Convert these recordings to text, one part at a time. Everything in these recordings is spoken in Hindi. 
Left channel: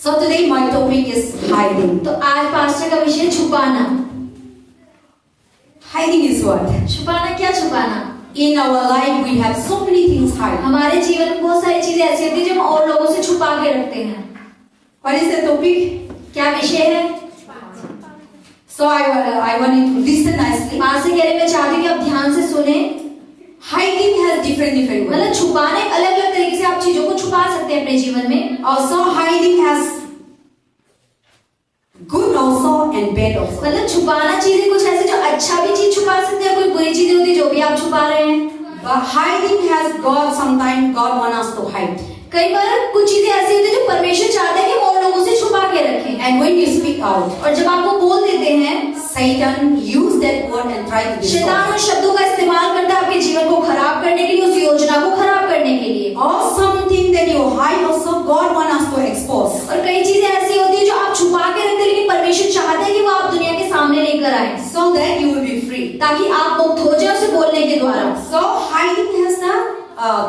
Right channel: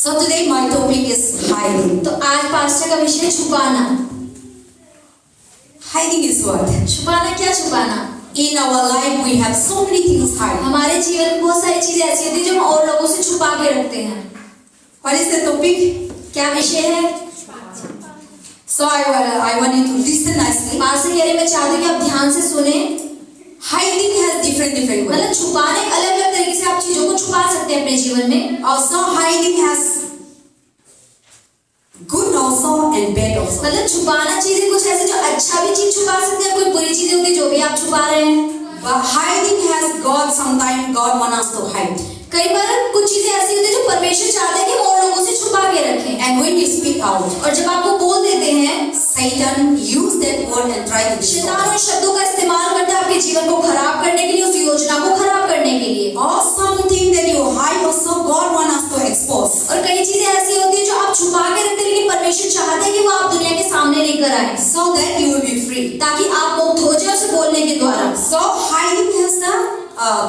So today my topic is hiding. तो आज पास्टर का विषय छुपाना। Hiding is what? छुपाना क्या छुपाना? In our life we have so many things hide. हमारे जीवन में बहुत सारी चीजें ऐसी होती हैं जो हम और लोगों से छुपा के रखते हैं। What is the topic? क्या विषय है? So I want you to listen nicely. Pastor कह रहे मैं चाहती हूँ कि आप ध्यान से सुने। Hiding has different ways. मतलब छुपाने एक अलग अलग तरीके से आप चीजों को छुपा सकते हैं अपने जीवन में। Also hiding has good also and bad also. मतलब छुपाना चीजें कुछ ऐसे जो अच्छा भी चीज छुपा सकते हैं, कोई बुरी चीजें होती है जो भी आप छुपा रहे हैं। But hiding has God, sometimes God wants us to hide. कई बार कुछ चीजें ऐसी होती है जो परमेश्वर चाहता है कि हम और लोगों से छुपा के रखें। And when you speak out, और जब आपको बोल देते हैं, Satan use that word and try to destroy. शैतान उन शब्दों का इस्तेमाल करता है आपके जीवन को खराब करने के लिए, उस योजना को खराब करने के लिए। Or something that you hide also God wants us to expose. और कई चीजें ऐसी होती है जो आप छुपा के रखते हैं, लेकिन परमेश्वर चाहते हैं कि वो आप दुनिया के सामने लेकर आए, So that you will be free. ताकि आप मुक्त हो जाए उसे बोलने के द्वारा। So hiding has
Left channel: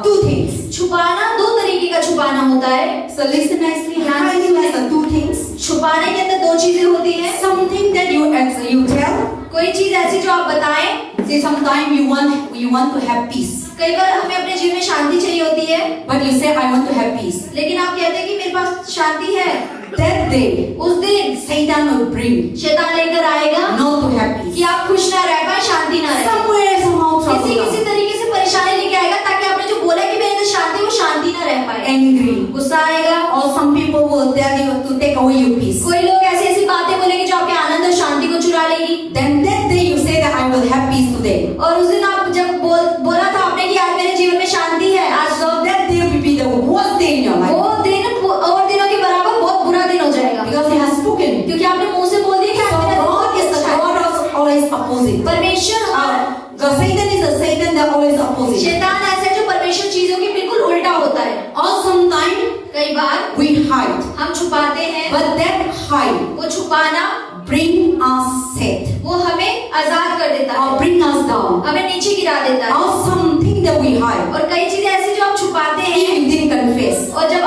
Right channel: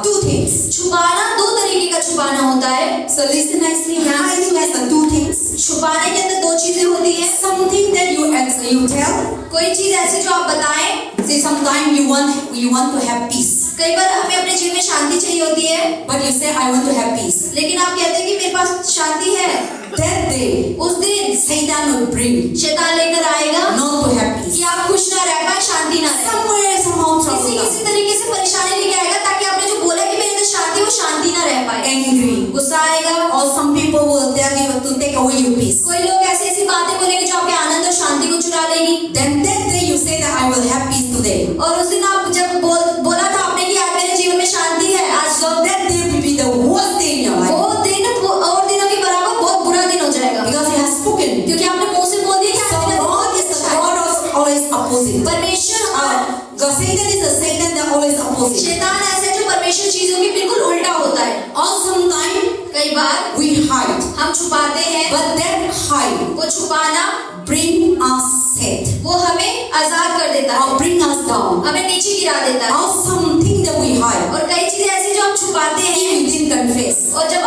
two things. छुपाना दो तरीके का छुपाना होता है। So listen nicely. Hiding has two things. छुपाने के अंदर दो चीजें होती हैं। Something that you tell. कोई चीज ऐसी जो आप बताएं। Say sometimes you want to have peace. कई बार हमें अपने जीवन में शांति चाहिए होती है, But you say I want to have peace. लेकिन आप कहते हैं कि मेरे पास शांति है। That day, उस दिन Satan will bring शैतान लेकर आएगा not to have peace. कि आप खुश ना रह पाए, शांति ना रहे। Somewhere somehow किसी trouble. तरीके से परेशानी लेके आएगा ताकि आपने जो बोला कि मेरे अंदर शांति, वो शांति ना रह पाए। Angry. गुस्सा आएगा। Or some people will tell you to take away your peace. कोई लोग ऐसी ऐसी बातें बोलेंगे जो आपके आनंद और शांति को चुरा लेगी। Then that day you say that I will have peace today. और उस दिन आप जब बोला था आपने कि आज मेरे जीवन में शांति है, आज So that day will be the worst day in your life. वो दिन और दिनों के बराबर बहुत बुरा दिन हो जाएगा, Because he has spoken. क्योंकि आपने मुंह से बोल दिया कि So आज God is the God of always opposite. परमेश्वर The Satan is the Satan that always opposite. शैतान ऐसा है जो परमेश्वर चीजों के बिल्कुल उल्टा होता है। Or sometimes कई बार we hide. हम छुपाते हैं, But that hide वो छुपाना bring us set. वो हमें आजाद कर देता है, Or bring us down. हमें नीचे गिरा देता है। Or something that we hide. और कई चीजें ऐसी जो हम छुपाते हैं If we didn't confess, और जब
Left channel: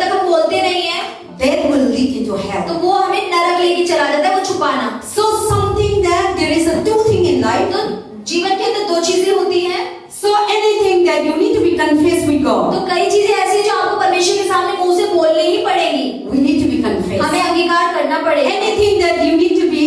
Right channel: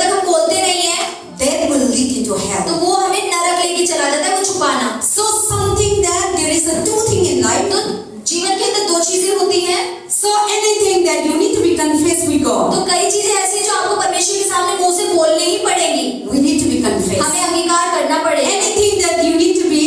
तक हम बोलते नहीं है that will lead into hell. तो वो हमें नरक लेके चला जाता है, वो छुपाना। So something that there is a two thing in life. तो जीवन के अंदर दो चीजें होती हैं। So anything that you need to be confessed with God. तो कई चीजें ऐसी हैं जो आपको परमेश्वर के सामने मुंह से बोलनी ही पड़ेगी, We need to be confessed. हमें अंगीकार करना पड़ेगा। Anything that you need to be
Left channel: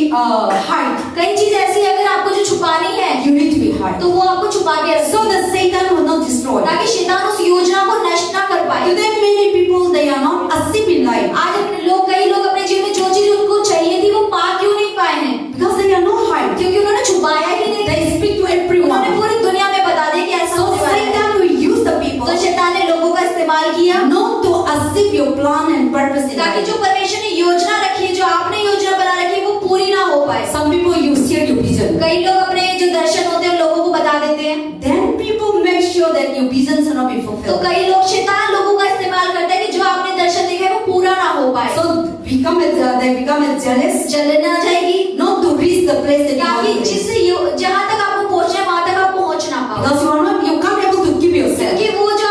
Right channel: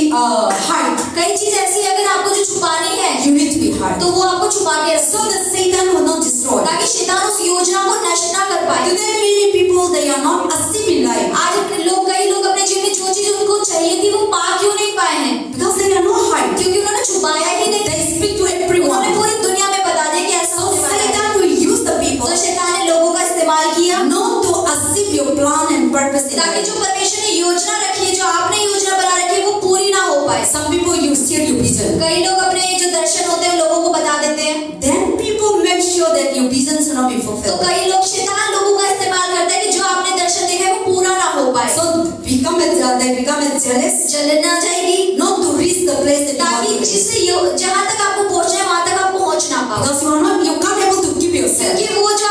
hide. कई चीज ऐसी है अगर आपको जो छुपानी है You need to be hide. तो वो आपको छुपा के रखो, So that Satan will not destroy. ताकि शैतान उस योजना को नष्ट ना कर पाए। Today many people they are not asleep in life आज कई लोग अपने जीवन में जो चीज उनको चाहिए थी वो पा क्यों नहीं पाए हैं? because they are not hide. क्योंकि उन्होंने छुपाया ही नहीं। They speak to उन्होंने everyone. पूरी दुनिया में बता दिया कि ऐसा So होने वाला है। Satan will use the people तो शैतान ने लोगों का इस्तेमाल किया not to achieve your plan and purpose in ताकि life. जो परमेश्वर ने योजना रखी है, जो आपने योजना बना रखी है, वो पूरी ना हो पाए। Some people you share your vision. कई लोग अपने जो दर्शन होते हैं लोगों को बता देते हैं, Then people make sure that your vision shall not be तो fulfilled. कई लोग शैतान लोगों का इस्तेमाल करता है कि जो आपने दर्शन देखा है वो पूरा ना हो पाए। So they become jealous जलन आ जाएगी not to reach the place that you ताकि want to reach. जिससे जहाँ तक आपको पहुँचना है वहाँ तक आप पहुँच ना पाओ, Because you can't able to keep yourself. क्योंकि वो जो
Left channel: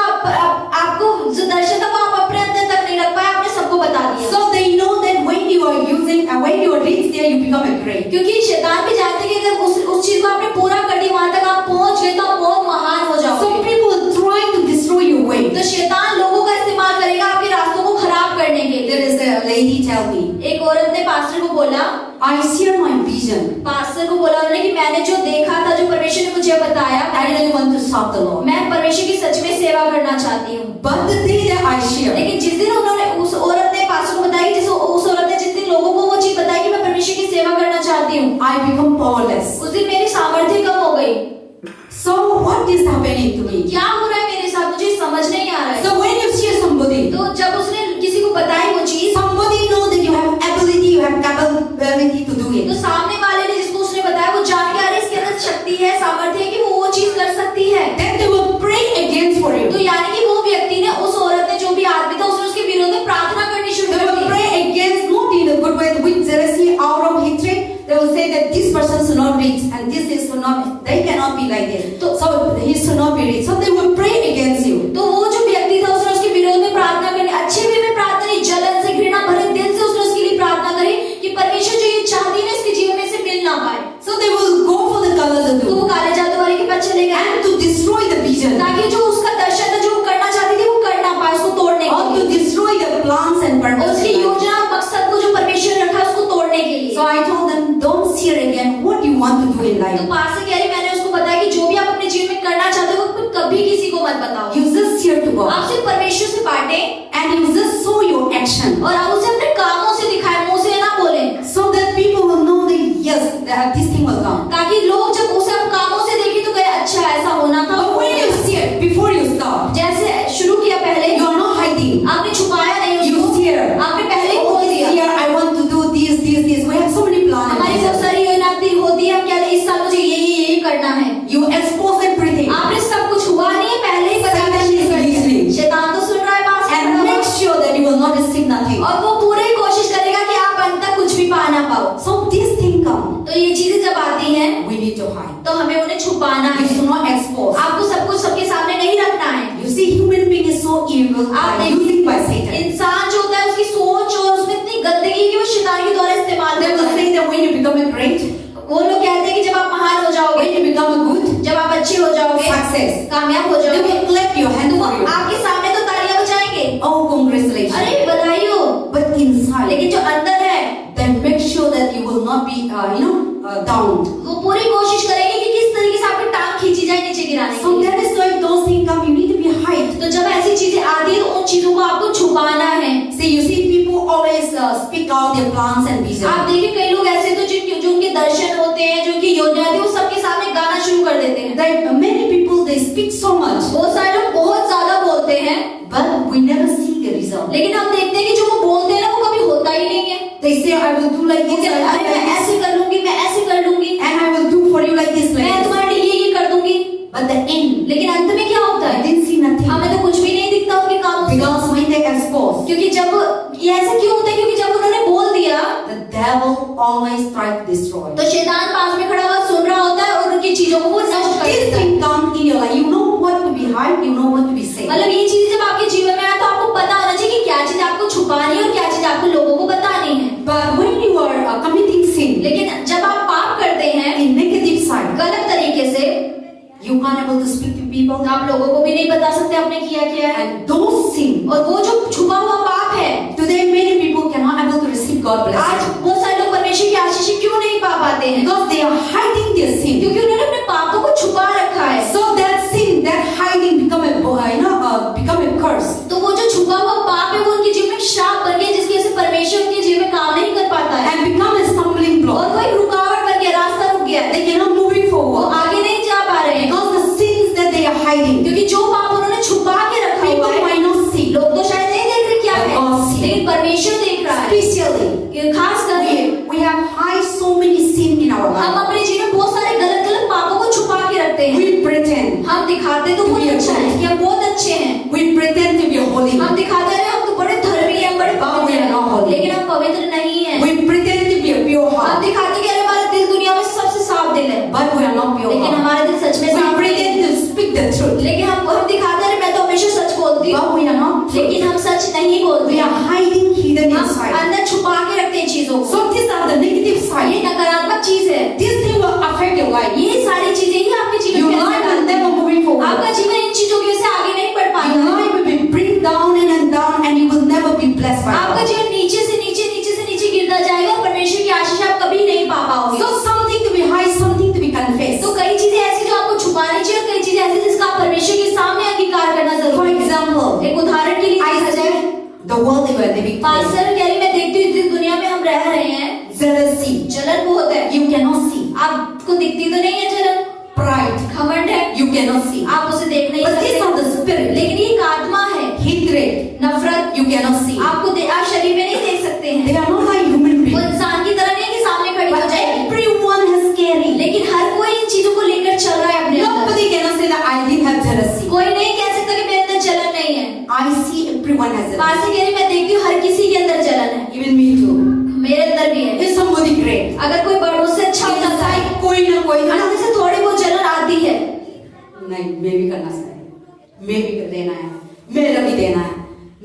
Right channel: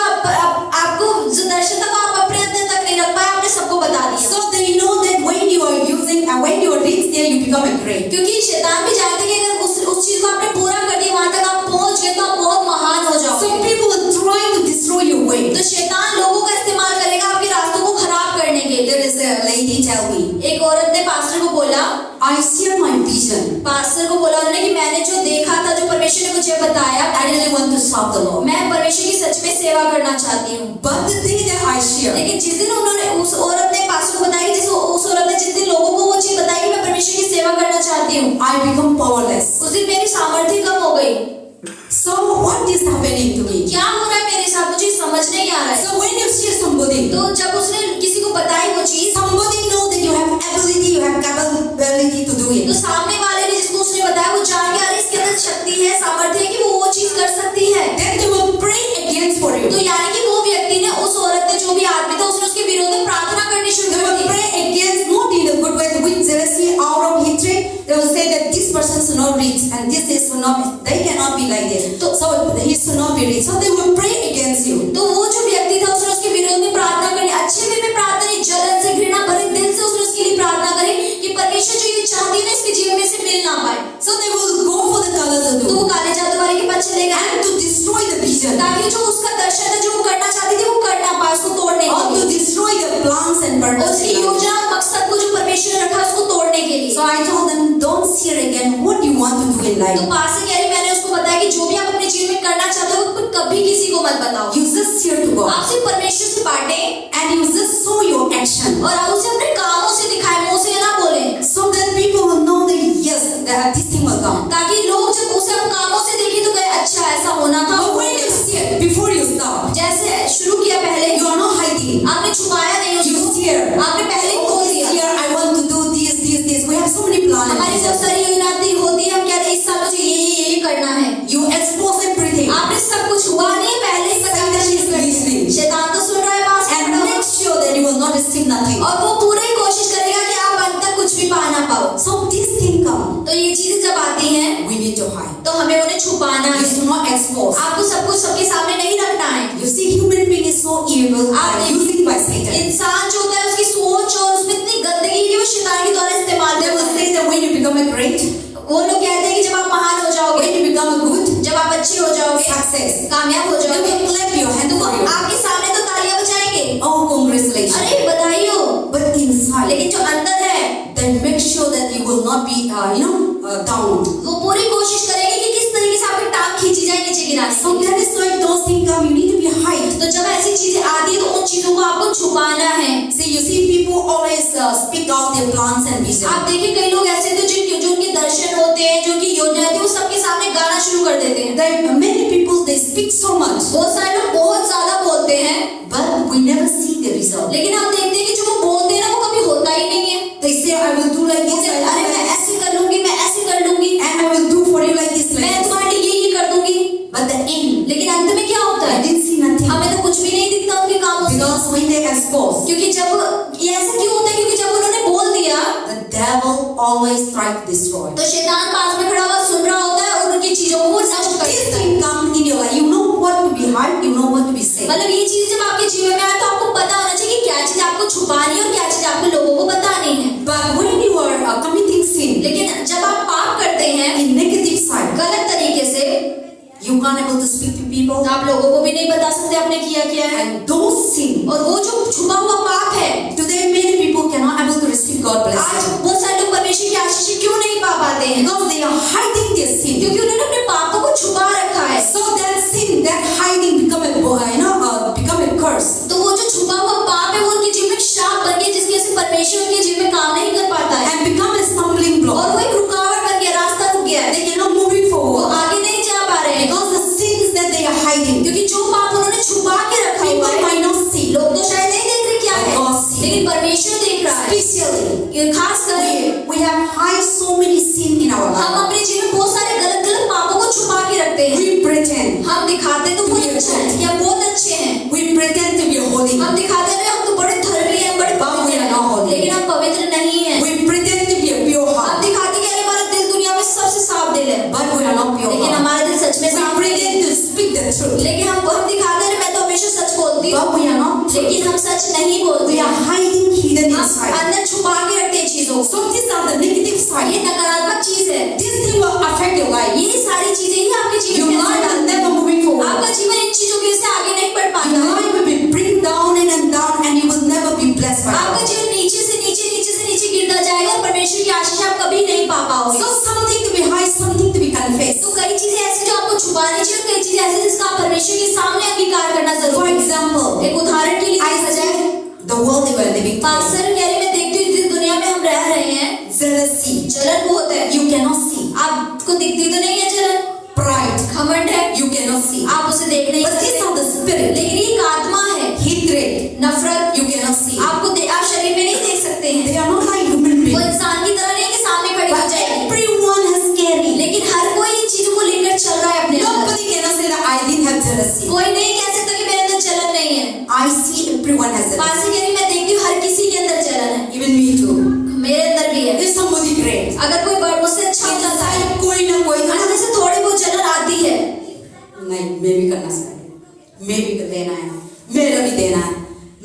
आपको जो दर्शन था वो आप अपने अंदर तक नहीं रख पाए, आपने सबको बता दिया। So they know that when you are using and when you are reach there you become a great. क्योंकि शैतान भी जानते हैं कि अगर उस चीज को आपने पूरा कर दिया, वहाँ तक आप पहुँच गए तो आप बहुत महान हो जाओगे। Some people are trying to destroy your way. तो शैतान लोगों का इस्तेमाल करेगा आपके रास्तों को खराब करने के लिए। There is a lady tell me, एक औरत ने पास्टर को बोला, I share my vision. Pastor को बोला उन्होंने कि मैंने जो देखा था, जो परमेश्वर ने मुझे बताया, I really want to serve the Lord. मैं परमेश्वर की सच में सेवा करना चाहती हूँ। But the thing that I share, लेकिन जिस दिन उन्होंने उस औरत ने पास्टर को बताया कि उस औरत ने जिस दिन लोगों को वो चीज बताई कि मैं परमेश्वर की सेवा करना चाहती हूँ, I become powerless. उस दिन मेरी सामर्थ्य कम हो गई। So what is happening to me? क्या हो रहा है मेरे साथ, मुझे समझ नहीं आ रहा है। So when you share somebody, तो जब उसने किसी को बताई वो चीज, somebody know that you have ability, you have capability to do तो it. सामने वाले ने जिसको उसने बताया वो जान के, अरे इसके अंदर शक्ति है, सामर्थ्य है कि वो चीज कर सकती है। Then they will pray against for you. तो यानी कि वो व्यक्ति ने, उस औरत ने, जो भी आदमी था, उसने उसके विरोध में प्रार्थना करनी शुरू They कर will the. pray against, not in a good way, with jealousy, out of hatred. They will say that this person should not reach and this should not, they cannot be like this. So he should not be rich. So they will pray against you. तो वो जो व्यक्ति था उसने उसके विरोध में प्रार्थना करनी, अच्छे वे में आपने छुपाया नहीं You उसको, fear. आपने पहले ही बोल This दिया। year I want to do this. We have so many plans. हमारी बहुत सारी योजना होती है, हम कहते हैं इस साल मुझे ये करना है। You expose everything. आपने सब कुछ हुआ नहीं है, पहले ही बता दिया चीज़ करनी है। Listening. शैतान तो सुन रहा है बात, And make sure that you will not receive nothing. और वो पूरी कोशिश करेगा कि आप अंत तक कुछ भी पा ना पाओ। So this thing come, तो ये चीजें जब आती हैं we need to hide. तो हमें उन्हें छुपाना You है। should not expose. आपको सब कुछ सबके सामने नहीं रखना है। You see, human being is so evil, आप using by Satan. इंसान जो होता है उसकी सोच और उसमें इतनी गंदगी कि वो शैतान के द्वारा इस्तेमाल They करता will है। say that when you become a great, वो लोग कहते हैं कि जब आप महान हो जाओगे, when you become a good, जब आप अच्छे हो जाओगे, success, कामयाब हो they जाओगे, will clap your hand for you. आपके सामने तो तालियां बजाएंगे, Oh, congratulations. अरे बधाई हो। But inside, लेकिन जो अंदर है then make sure that you will not be, down. वो पूरी कोशिश करेंगे कि किस तरीके से आपकी टांग खींची जाए नीचे गिराने So की। that is why those things come, you need to be hide. तो जब ऐसी चीजें आती है तो उन चीजों को आपको छुपाना है। See, you see, people always speak out their plans and visions. आप देखिए कई लोग ऐसे तो जो उनके दर्शन होते हैं, जो उनकी योजना होती है, वो सबके सामने गाना शुरू कर देते हैं। That many people they speak so much, बहुत सारे लोग बहुत ज्यादा बोलते हैं, but we never see the result. लेकिन हम देखते हैं कि जो वो बोलते हैं ना वो कभी होता ही नहीं है। They say, I will do like this, अरे I will do मैं like ऐसे कर लूंगी, मैं ऐसे कर लूंगी, this, and I will do for you like this, like मैं this. तुम्हारे लिए ये कर दूंगी। But the end, लेकिन अंत में क्या होता I है? didn't see nothing. हमें तो कुछ भी नहीं दिखता उनके कामों से। Because when they expose, क्योंकि जब ये ऐसे क्यों होता है? क्योंकि जब उन्होंने बोल दिया the devil always tries to destroy. तो शैतान पास में खड़ा हुआ सुन रहा होता है और उनकी चीजों को वो नष्ट कर This देता है। thing comes in your life, you know what to be hide, you know what to be said. मतलब ये चीज जब आपके जीवन में आए तो आपको पता होना चाहिए कि क्या चीज आपको छुपानी है और क्या चीज आपको लोगों को बतानी है। But when you are committing sin लेकिन जब आप पाप करते हैं in negative side, गलत तरीके से, you can't able to speak to people, तो आप लोगों को भी नहीं बता सकते आपने किया क्या है। and those sin. और वो जो छुपा हुआ पाप है, Today many people cannot able to receive God आज blessing बहुत सारे लोग परमेश्वर की आशीष क्यों नहीं पा पाते हैं? because they are hiding their sin. क्योंकि उन्होंने अपने पापों को छुपा रखा है। So that sin, that hiding become become a curse. तो वो जो छुपा हुआ पाप है वो उनके जीवन में श्राप बन गया, जिसकी वजह से परमेश्वर उनके जीवन में काम नहीं कर पाता है And become a stumbling और block. वो एक रुकावट बन गया, रास्ता रुक गया है, They cannot moving वो forward आगे नहीं जा पा रहे हैं because the sins that they are hiding, क्योंकि जो पाप उन्होंने छुपा के रखा people हुआ है, might not see. लोग तो शायद नहीं देख रहे क्या है, God see. लेकिन परमेश्वर देख रहा है। Especially, ये खास करके we have hide so many sin in our हम life. अपने जीवन में बहुत सारे गलत गलत पापों को छुपा के रखते हैं। We pretend, हम दिखाते तो बहुत अच्छा है कि हम बहुत अच्छे हैं, we pretend to be holy. हम दिखाते हैं हम तो बड़े धर्मी हैं, बड़े पवित्र हैं, लेकिन हम पवित्र नहीं हैं। We pretend to be a pure हम heart, दिखाते कि अरे हमारा दिल दुनिया में सबसे साफ दिल है, but we are not pure लेकिन heart. हमारा दिल सच में We साफ नहीं है। pretend to speak the truth, लेकिन हम दिखाते हैं मैं तो हमेशा सच बोलती हूँ, but we are not true. लेकिन हम सच नहीं बोलते, We are hiding hidden हम inside. अंदर छुपा के रखते हैं चीजों को। So these are the negative ये side. नकारात्मक चीज है, This thing will affect your life. ये सारी चीजें ही आपके जीवन Your में life असर will करती हैं। never moving forward. आपका जीवन इन चीजों की वजह से आगे नहीं बढ़ पाता Your है। life will be bring down and down, and you will never be blessed by आपका God. जीवन नीचे से नीचे गिरता जाएगा और परमेश्वर की आशीष आप कभी नहीं पा पाओगे। So something to be hide, something to be confessed. तो कई चीजें ऐसी जो आपको छुपानी चाहिए और कई चीजें ऐसी जिसका आप परमेश्वर के सामने अंगीकार करना For जरूरी है। example, एक उदाहरण के लिए I देखा जाए, see the world they were living today. Pastor कह रही मैं देखती हूँ जिस दुनिया में हम रह रहे हैं, Jealousy, जलन बहुत है, you cannot see. आपको दिखती तो नहीं है जलन, Pride, घमंड है, you cannot see. आप उसे देख नहीं But these सकते, are the spirit. लेकिन ये एक आत्मा है, Hatred, नफरत, you cannot see. आप शरीर में नहीं देख सकते हैं, They are not like human वो beings. इंसान की तरह नहीं है कि सामने खड़ी हो But जाएगी, everyone has carry. लेकिन हर कोई इन चीजों को लेकर चल रहा है अपने अंदर। Nobody cannot say that I didn't have jealousy. कोई नहीं कह सकता कि मेरे अंदर जलन नहीं है। I see everyone has jealousy. Pastor कह रही मैं देखती हूँ हर किसी के अंदर जलन है, Even me too. मेरे अंदर भी है। If somebody great, अगर कोई मुझसे अच्छा हो सकता है, inside कोई ना कोई ना अंदर से थोड़ी बहुत जलन आती है, नहीं, मैं भी करना चाहिए, मैं भी देना है, मेरा भी देना है,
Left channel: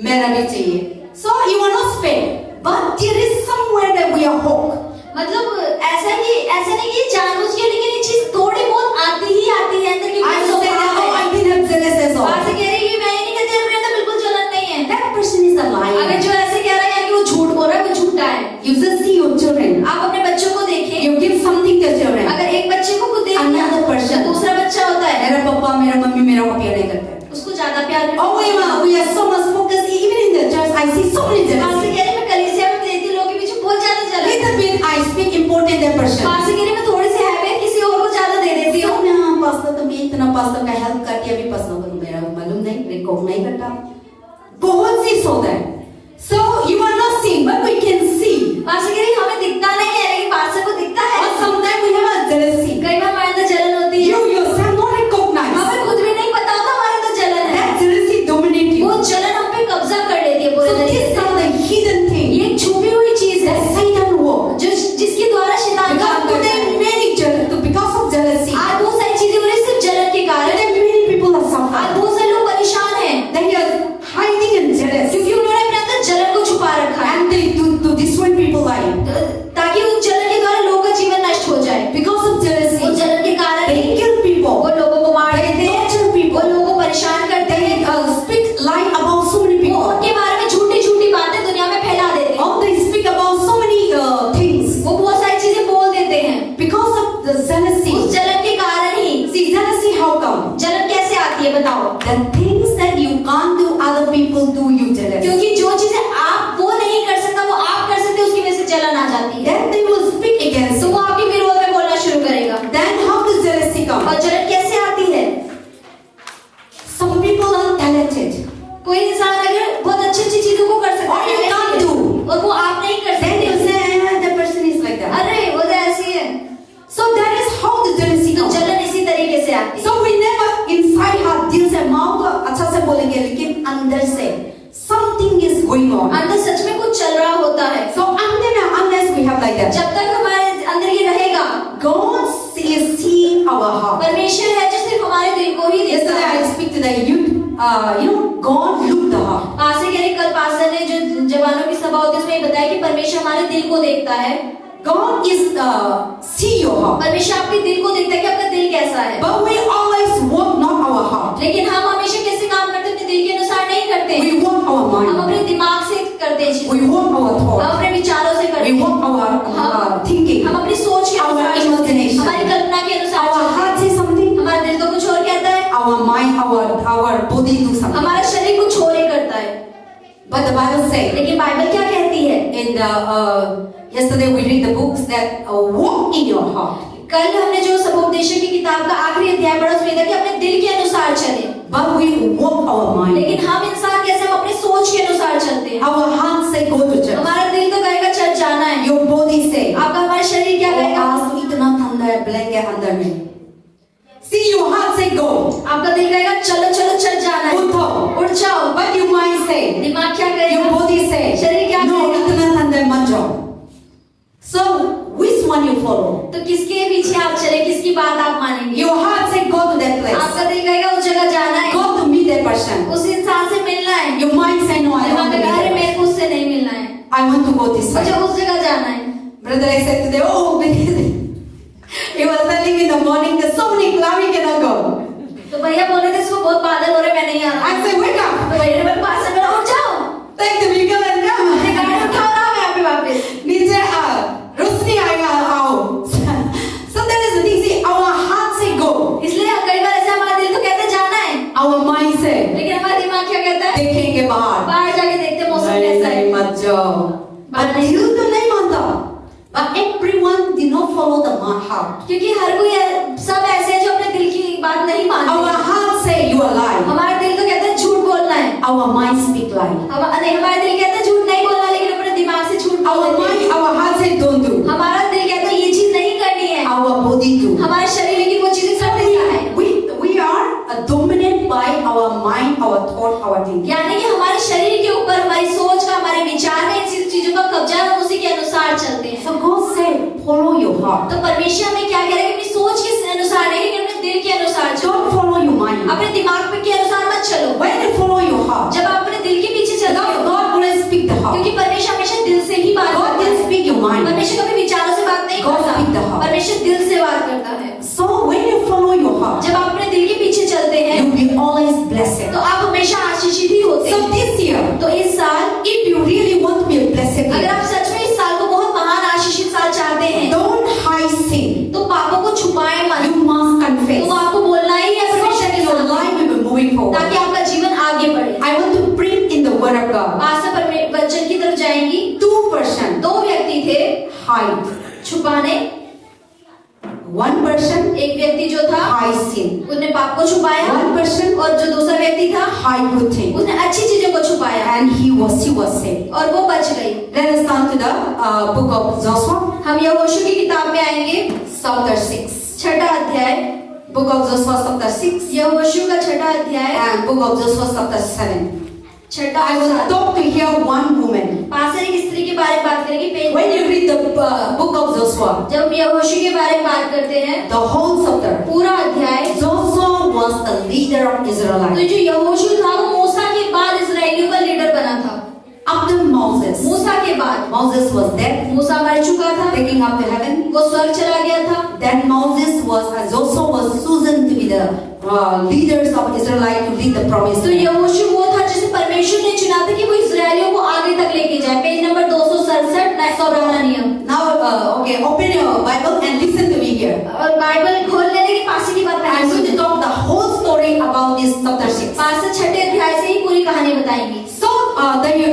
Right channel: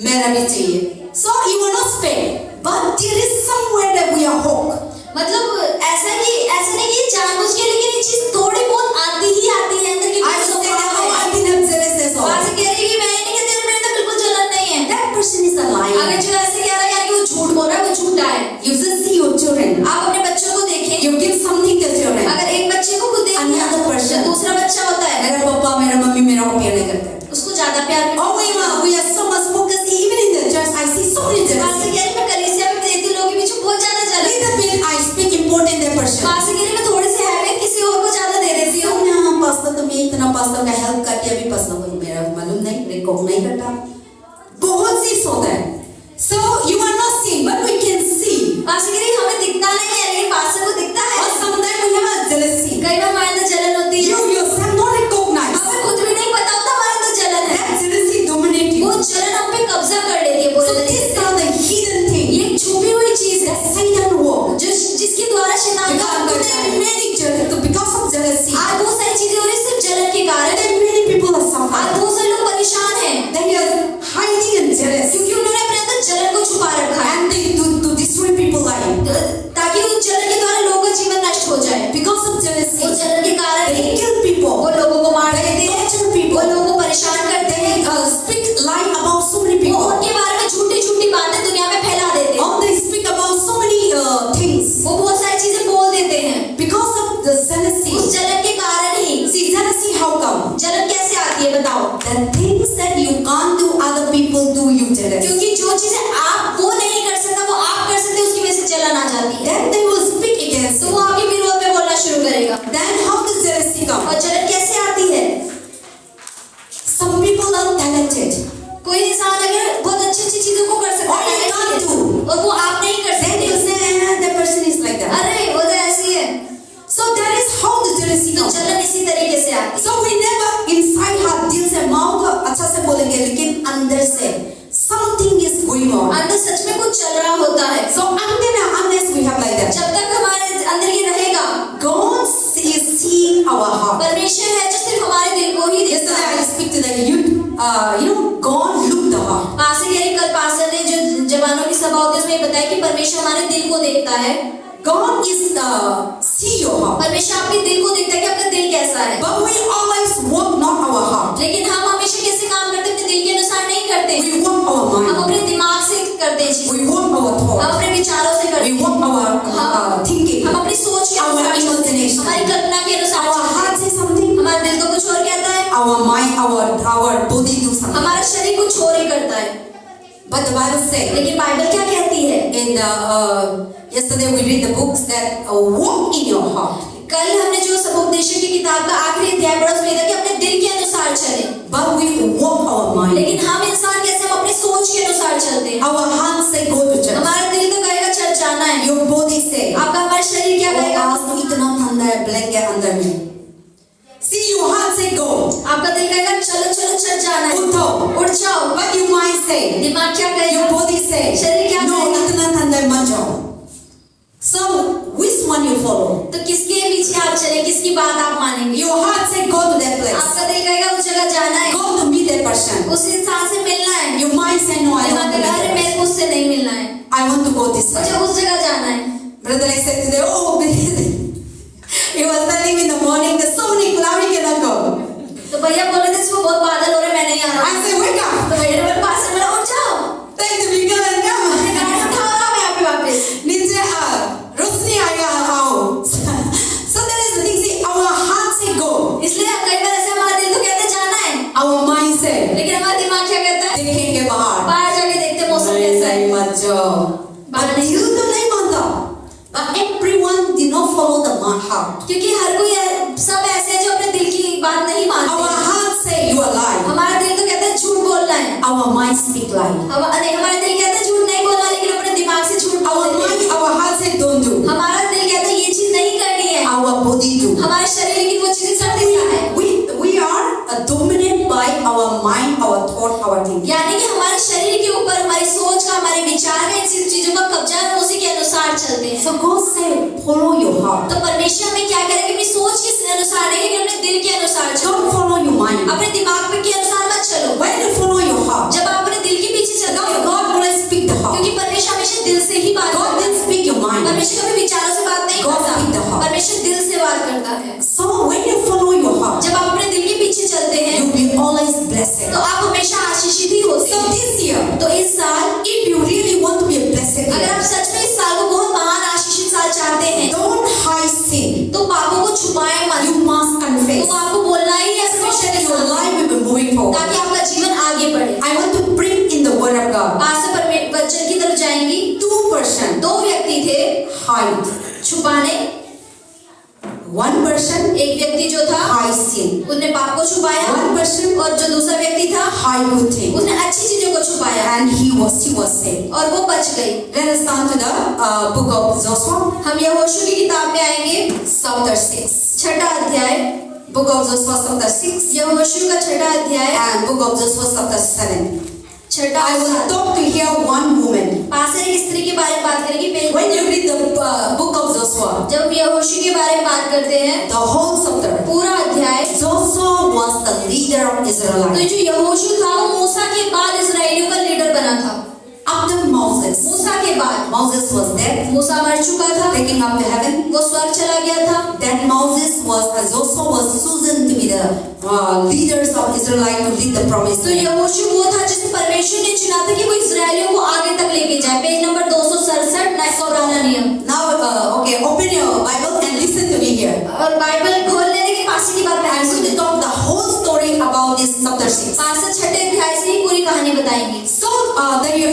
मेरा भी चाहिए. So you will not spend, but there is somewhere that we are hooked. मतलब ऐसा नहीं कि जानबूझ के, लेकिन ये चीज थोड़ी बहुत आती है अंदर की। I say that oh, I didn't have jealous as well. Pastor कह रही है मैं ये नहीं कहती मेरे अंदर बिल्कुल जलन नहीं है। That person is a liar. अगर जो ऐसे कह रहा है यार कि वो झूठ बोल रहा है, वो झूठा है। You just see your children. आप अपने बच्चों को देखें, You give something to children. अगर एक बच्चे को खुद दे दिया, Another person. दूसरा बच्चा होता है, मेरा पापा, मेरा मम्मी मेरा को प्यार नहीं करते. उसको ज्यादा प्यार करता है। Oh, we are so much focused. Even in the church, I see so many pastor jealousy. कह रही मैं कलीसिया में देती लोग बताया कि परमेश्वर हमारे दिल को देखता है। God is see your heart. परमेश्वर आपके दिल को देखता है कि आपका दिल कैसा है। But we always walk not our heart. लेकिन हम हमेशा कैसे काम करते हैं, अपने दिल के अनुसार नहीं करते। We walk our हम mind. अपने दिमाग से करते हैं चीजें। We walk our हम thought. अपने विचारों से करते We हैं। walk our thinking. हम अपनी सोच के Our अनुसार चलते हैं, imagination. हमारी कल्पना के अनुसार Our चलते heart हैं। say something. हमारा दिल तो कुछ और कहता है, Our mind, our body do something. हमारा शरीर कुछ और ही करता है। But the Bible says लेकिन बाइबल क्या कहती है? in the yesterday we read the books that walk in your heart. कल हमने जो समुपदेशक की किताब का आखिरी अध्याय पढ़ा, उसमें था कि अपने दिल के अनुसार चले। But we walk our mind. लेकिन हम इंसान कैसे, हम अपनी सोच के अनुसार चलते हैं। Our heart say go to church. हमारा दिल तो कहेगा चर्च जाना है। Your body say आपका हमारा शरीर क्या कहेगा? आज तो इतना ठंडा है, ब्लैंकेट अंदर में। See your heart say go. आपका दिल कहेगा चलो चलो चर्च जाना है, उठो। उठ जाओ। But your mind say, दिमाग क्या कहेगा? your body say, शरीर क्या no, कहेगा? इतना ठंडा है, मत जाओ। So which one you follow? तो किसके पीछे आप चले, किसकी बात आप मानेंगे? Your heart say go to that place. आपका दिल कहेगा उस जगह जाना है, Go to meet that person. उस इंसान से मिलना है। Your mind say no, I दिमाग want to meet कहेगा अरे that मेरे person. को उससे नहीं मिलना है, I want to go this मुझे way. उस जगह जाना है। Brother, I said today, oh, he was telling me in the morning, there's so many clouds, we cannot go. तो भैया बोले थे सुबह बहुत बादल हो रहे, मैं नहीं आ रहा। I said, wake up, तो भैया ने बोला पास में उठ जाओ, take the vehicle and come. अपनी गाड़ी उठाओ और आओ यहाँ पे वापस। नीचे रोशनी आएगा आओ। So that is the thing. See, our heart say go, इसलिए कई बार ऐसा हमारा दिल तो कहता है जाना है, our mind say लेकिन हमारा दिमाग क्या कहता है? देखेंगे बाहर। बाहर जाके देखते मौसम कैसा है। नहीं मत जाओ। But you तो नहीं मानता। But everyone did not follow the heart. क्योंकि हर कोई सब ऐसे हैं जो अपने दिल की बात नहीं Our मानते। heart say you are lying. हमारा दिल तो कहता है झूठ बोलना है, Our mind speak lie. हमारा दिल कहता है झूठ नहीं बोलना, लेकिन अपने दिमाग से झूठ Our बोलते हैं। mind, our heart say don't do. हमारा दिल कहता है ये चीज नहीं करनी है, Our body do. हमारा शरीर लेकिन वो चीजें कर देता है। We are dominated by our mind, our thought, our thinking. यानी कि हमारे शरीर के ऊपर हमारी सोच का, हमारे विचार में इन चीजों का कब्जा है, हम उसी के अनुसार चलते हैं। So God say follow your heart. तो परमेश्वर हमें क्या कह रहा है कि अपनी सोच के अनुसार नहीं, लेकिन अपने दिल के अनुसार चलो। Don't follow your mind. अपने दिमाग के अनुसार मत चलो। When you follow your heart, जब आप अपने दिल के पीछे चलते हो, God always speak the heart. क्योंकि परमेश्वर हमेशा दिल से ही बात God करता didn't है। speak your mind. परमेश्वर कभी विचारों से बात नहीं God speak the करता, heart. परमेश्वर दिल से बात करता है। So when you follow your heart, जब आप अपने दिल के पीछे चलते हैं, you'll be always blessed. तो आप हमेशा आशीषित ही होते So हैं। this year, तो इस साल, if you really want to be a blessed अगर year, आप सच में इस साल को बहुत महान आशीषित साल चाहते हैं, don't hide sin. तो पापों को छुपाए मत। You must confess. तो आपको बोलना ही है So परमेश्वर that के your सामने, life will be moving forward. ताकि आपका जीवन आगे बढ़े। I want to bring in the word of God. आज से वचन की तरफ जाएंगी। 2 person दो व्यक्ति थे hide. छुपाने। 1 person एक व्यक्ति जो था hide sin. उसने पाप को छुपाया, 1 person और जो दूसरा व्यक्ति था hide good things. उसने अच्छी चीजों को छुपाया, And she was saved. और वो बच गई। Let us turn to the book of Joshua, हम यहोशू की किताब में आएंगे, chapter 6. 6वां अध्याय। Book of Joshua, chapter 6, यहोशू का 6वां अध्याय, and book of Joshua, chapter 7. 6वां I will talk to here one woman. Pastor एक स्त्री के बारे में बात करेंगे। When you read the book of Joshua, जब यहोशू के बारे में बात करते हैं, the whole chapter, पूरा अध्याय, Joshua was the leader of तो Israel. जो यहोशू था वो मूसा के बाद इजराइलियों का लीडर बना था। After Moses, मूसा के बाद Moses was dead, मूसा मर चुका था, taking up to heaven. वो स्वर्ग चला गया था। Then Moses was, Joshua was chosen to be the leaders of Israel to lead the promised तो land. यहोशू वो था जिसे परमेश्वर ने चुना था कि वो इजराइलियों को आगे तक लेके जाए। पेज नंबर 267, नया सौराना नियम। Now, okay, open your Bible and listen to me here. और बाइबल खोल लेने के पास की बात I'm going to talk the whole story about this chapter 6. पास 6 अध्याय से ही पूरी कहानी बताएंगी। So,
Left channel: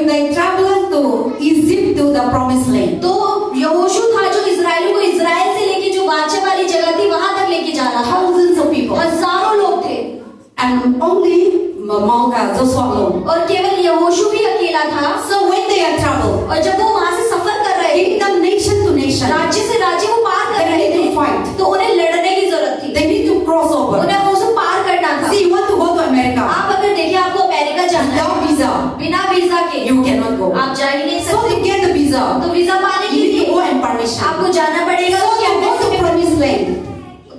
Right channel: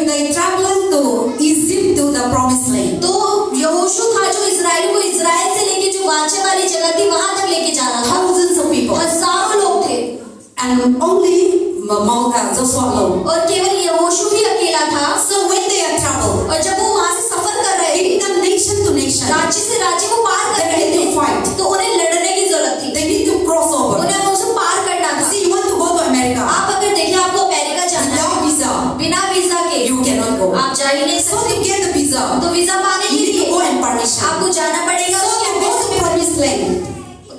they traveled to Egypt to the promised land. तो यहोशू था जो इजराइल को इजराइल से लेके जो वाचा वाली जगह थी वहां तक लेके जा रहा था। Thousands of people. हजारों लोग थे, And only Joshua alone. और केवल यहोशू ही अकेला था। So when they are traveled, और जब वो वहां से सफर कर रहे थे, in the nation to nation, राज्य से राज्य को पार कर they रहे need थे, to fight. तो उन्हें लड़ने की जरूरत थी, They need to cross over. उन्हें उसे पार करना था। See, you want to go to America आप अगर देखिए आपको अमेरिका जाना है, without visa, बिना वीजा के you cannot go. आप जा ही नहीं So सकते। to get the visa, तो वीजा पाने you के need to लिए go and permission. आपको जाना पड़ेगा So उसके to go to the promised land,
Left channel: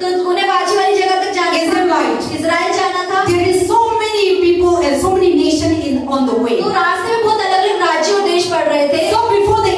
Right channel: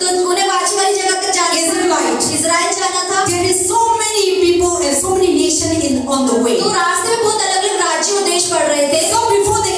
तो उन्हें वाची वाली जगह तक जाना था, Israelite. इजराइल जाना था। there is so many people and so many nations on the way. तो रास्ते में बहुत अलग अलग राज्य और देश पड़ रहे थे। So before they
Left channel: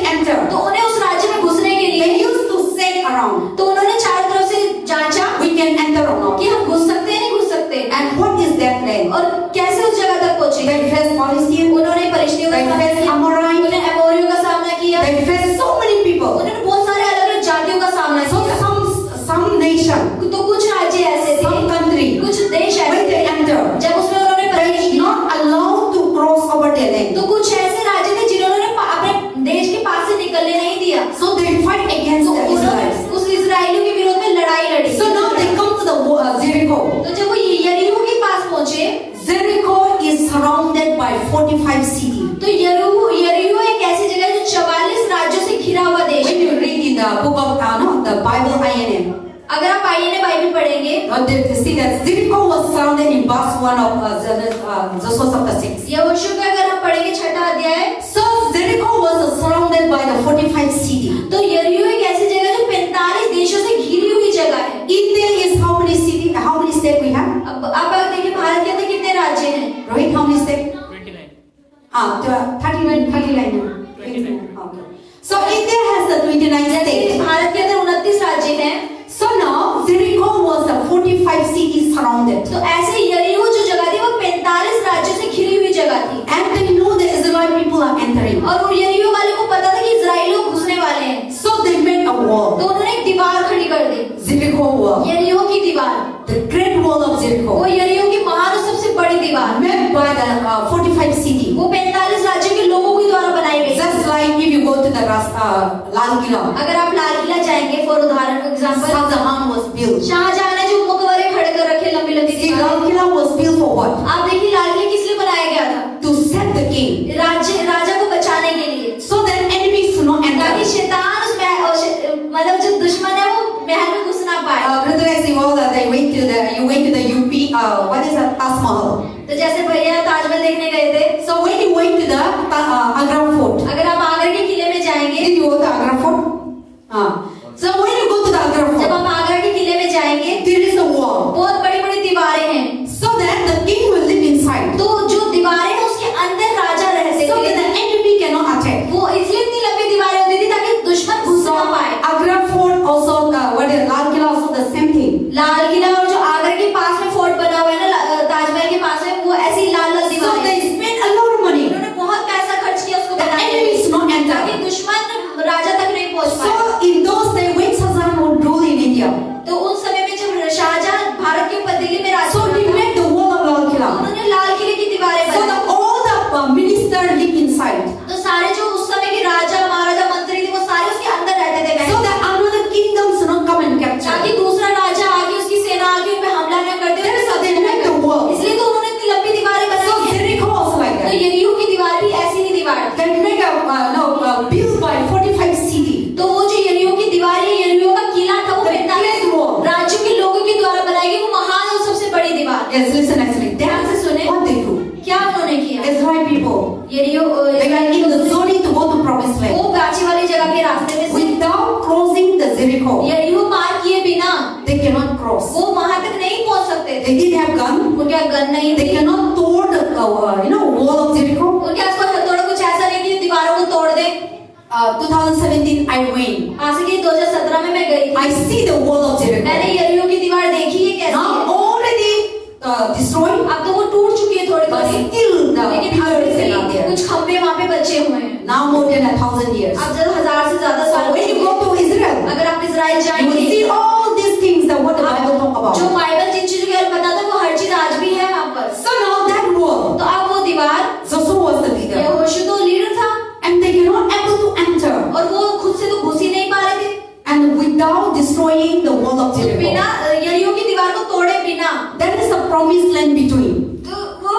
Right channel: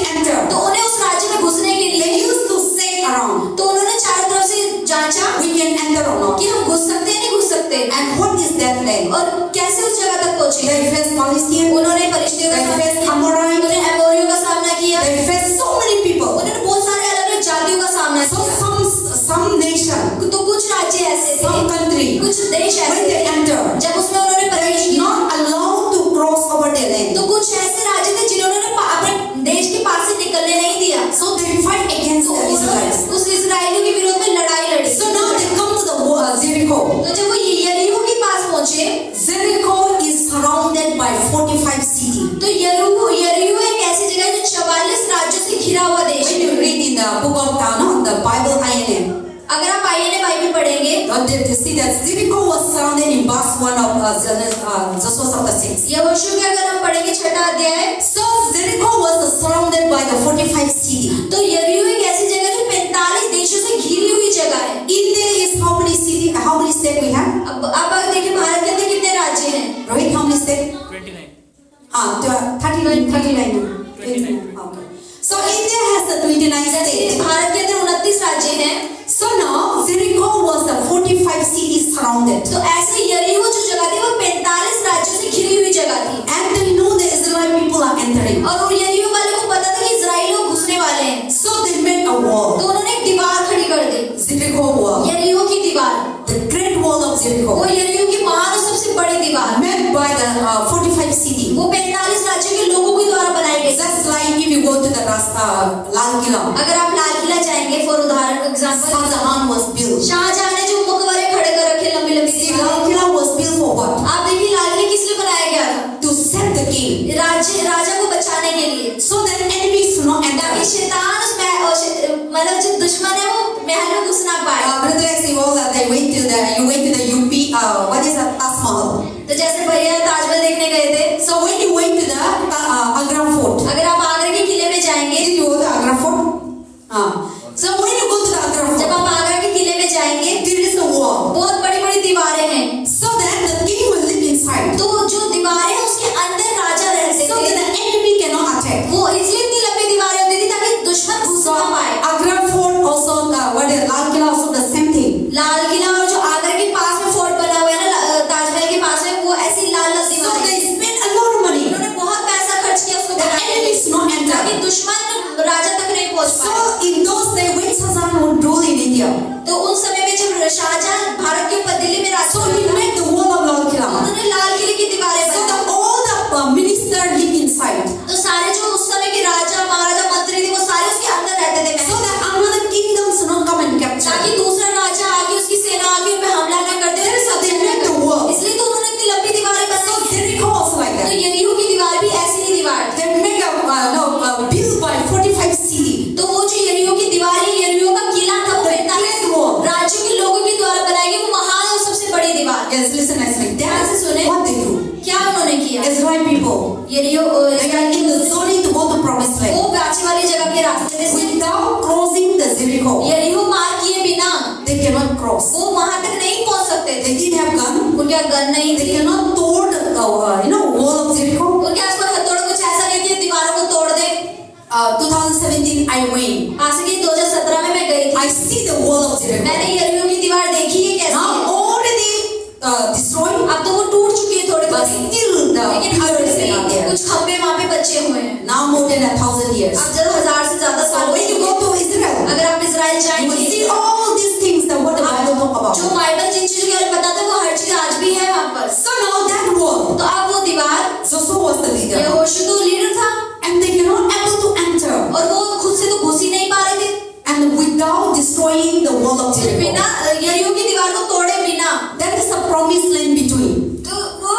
बचे हुए हैं। now more than 1,000 years. अब जब 1000 से ज्यादा So साल when you go to Israel, अगर आप इजराइल you will जाएंगे see all these things that what the Bible talk जो about. बाइबल जिन चीजों के बारे में बताता है वो हर चीज आज भी है वहाँ पर। So now that wall, तो अब वो दीवार Joshua was the leader, यहोशू तो लीडर था and they were not able to enter, और वो खुद से तो घुस ही नहीं पा रहे थे and without destroying the wall of Jericho. बिना यरीहो की दीवार को तोड़े बिना। That is the promised land between. तो वो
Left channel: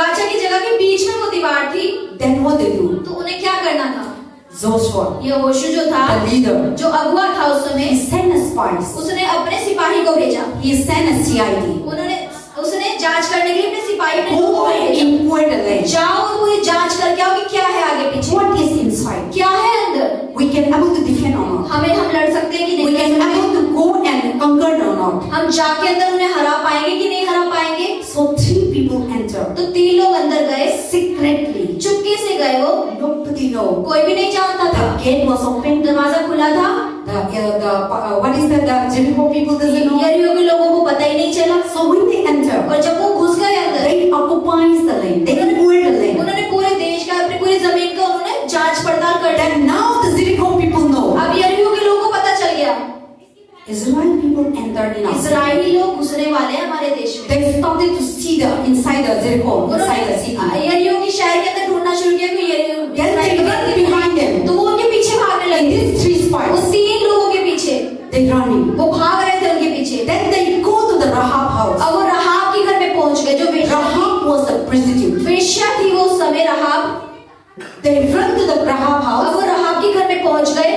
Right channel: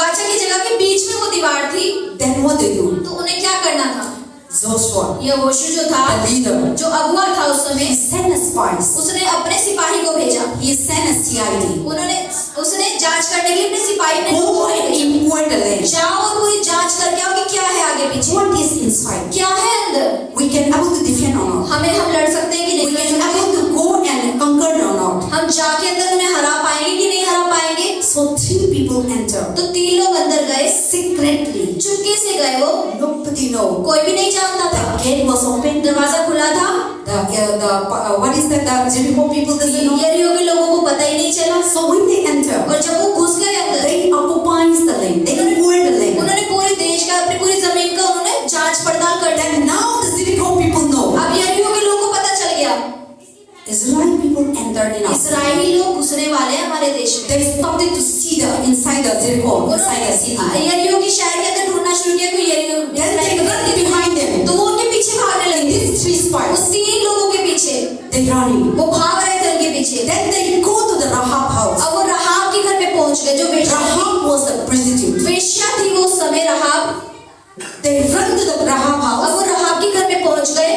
वाचा की जगह के बीच में वो दीवार थी। Then what they do? तो उन्हें क्या करना था? Joshua, यहोशू जो था the leader, जो अगुआ था उस he समय, sent a spies. उसने अपने सिपाही को भेजा। He sent a CID. उसने जांच करने के लिए अपने सिपाही ने Go and inquire the land. जाओ और पूरी जांच करके आओ कि क्या है आगे पीछे, What is inside? क्या है अंदर, We can able to defend or not? हम लड़ सकते हैं कि We नहीं can लड़ सकते, able to go and conquer or not? हम जाके अंदर उन्हें हरा पाएंगे कि नहीं हरा पाएंगे। So 3 people entered तो 3 लोग अंदर गए, secretly. चुपके से गए, वो Nobody know. कोई भी नहीं जानता था। The gate was open. दरवाजा खुला था, What is that? The Jericho people doesn't know. यरीहो के लोगों को पता ही नहीं चला। So when they enter, और जब वो घुस गए अंदर, they occupies the land. They inquire the land. उन्होंने पूरे देश का, अपनी पूरी जमीन का उन्होंने जांच पड़ताल कर दी। And now the Jericho people know. अब यरीहो के लोगों को पता चल गया Israeli people entered in us. Israeli लोग घुसने वाले हैं हमारे देश में। They started to see the inside the Jericho, inside the city. यरीहो की शहर के अंदर ढूंढना शुरू किया कि यरीहो Then they run behind them. तो वो उनके पीछे भागने And लगे। these 3 उस spies, 3 लोगों के पीछे they running. वो भाग रहे थे उनके पीछे। Then they go to the Rahab house. अब वो रहाब के घर में पहुंच गए, जो वेश्या थी। Rahab was the prostitute. वेश्या थी वो उस समय Rahab. They run to the Rahab अब house. वो रहाब के घर में पहुंच गए।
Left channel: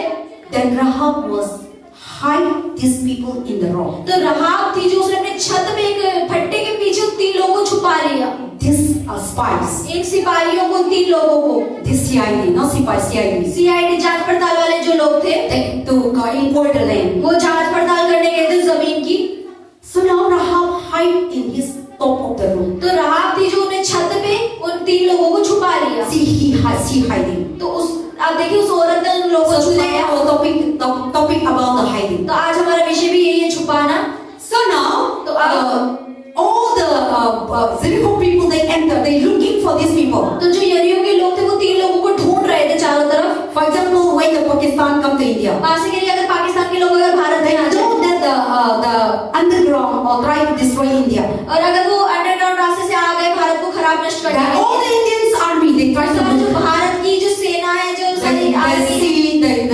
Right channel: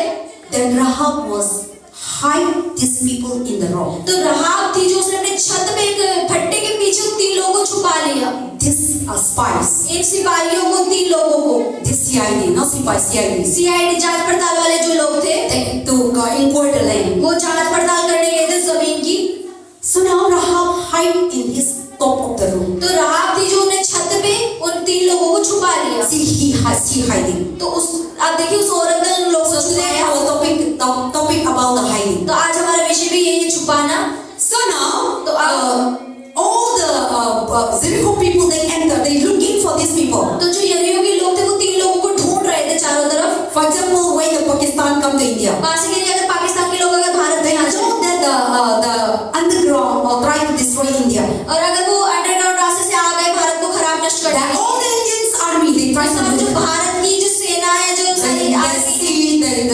Then Rahab was hide these people in the rock. तो रहाब थी जो उसने अपने छत में एक फट्टे के पीछे उन 3 लोगों को छुपा लिया। These are spies. इन सिपाहियों को, 3 लोगों को, This CID, not spy, CID. CID जांच पड़ताल वाले जो लोग थे, They to go inquire the land. वो जांच पड़ताल करने गए थे जमीन की। So now Rahab hide in his top of the room. तो रहाब थी जो उन्हें छत पे उन 3 लोगों को छुपा लिया। She hiding. तो उस आप देखिए उस औरत ने उन लोगों को So छुपाया। today our topic about the hiding. तो आज हमारा विषय भी यही है, छुपाना। So now तो all the Jericho people they enter. They looking for these people. तो जो यरीहो के लोग थे वो 3 लोगों को ढूंढ रहे थे चारों तरफ। For example, when the Pakistan come to India, वहां से के लिए अगर पाकिस्तान के लोग अगर भारत they में आ जाए know that the underground or try to destroy India. और अगर वो अंडरग्राउंड रास्ते से आ गए भारत को खराब नष्ट कर That देंगे। all the Indian army they try to सब do जो that. भारत की जो सेना है, जो They सारी army,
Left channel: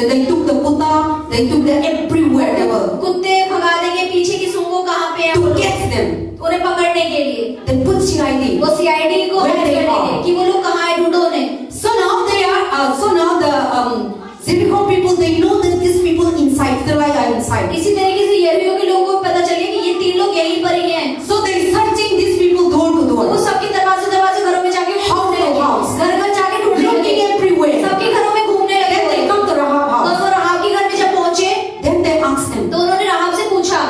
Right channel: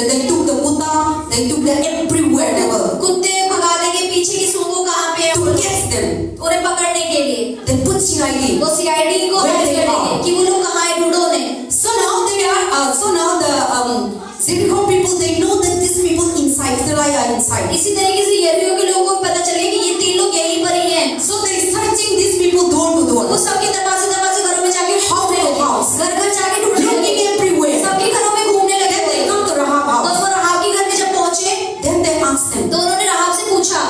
they took the Buddha, they took the everywhere they were कुत्ते भगा देंगे, पीछे की सूंघो कहाँ पे है, to catch them. उन्हें पकड़ने के लिए They put CID. वो सीआईडी को Where हेल्प they करेंगे are. कि वो लोग कहाँ है, ढूंढो उन्हें। So now the Jericho people they know that these people inside Israel are inside. इसी तरीके से यरीहो के लोगों को पता चल गया कि ये 3 लोग यहीं पर ही हैं। So they searching these people door to वो door, सबके दरवाजे घरों में जाके ढूंढने लगे, House. घर जाके ढूंढने looking लगे, everywhere. सबके घरों में घूमने लगे। Then they come to Rahab तो house. वो रहाब के घर में जब पहुंचे Then they ask them, तो उन्होंने रहाब से पूछा,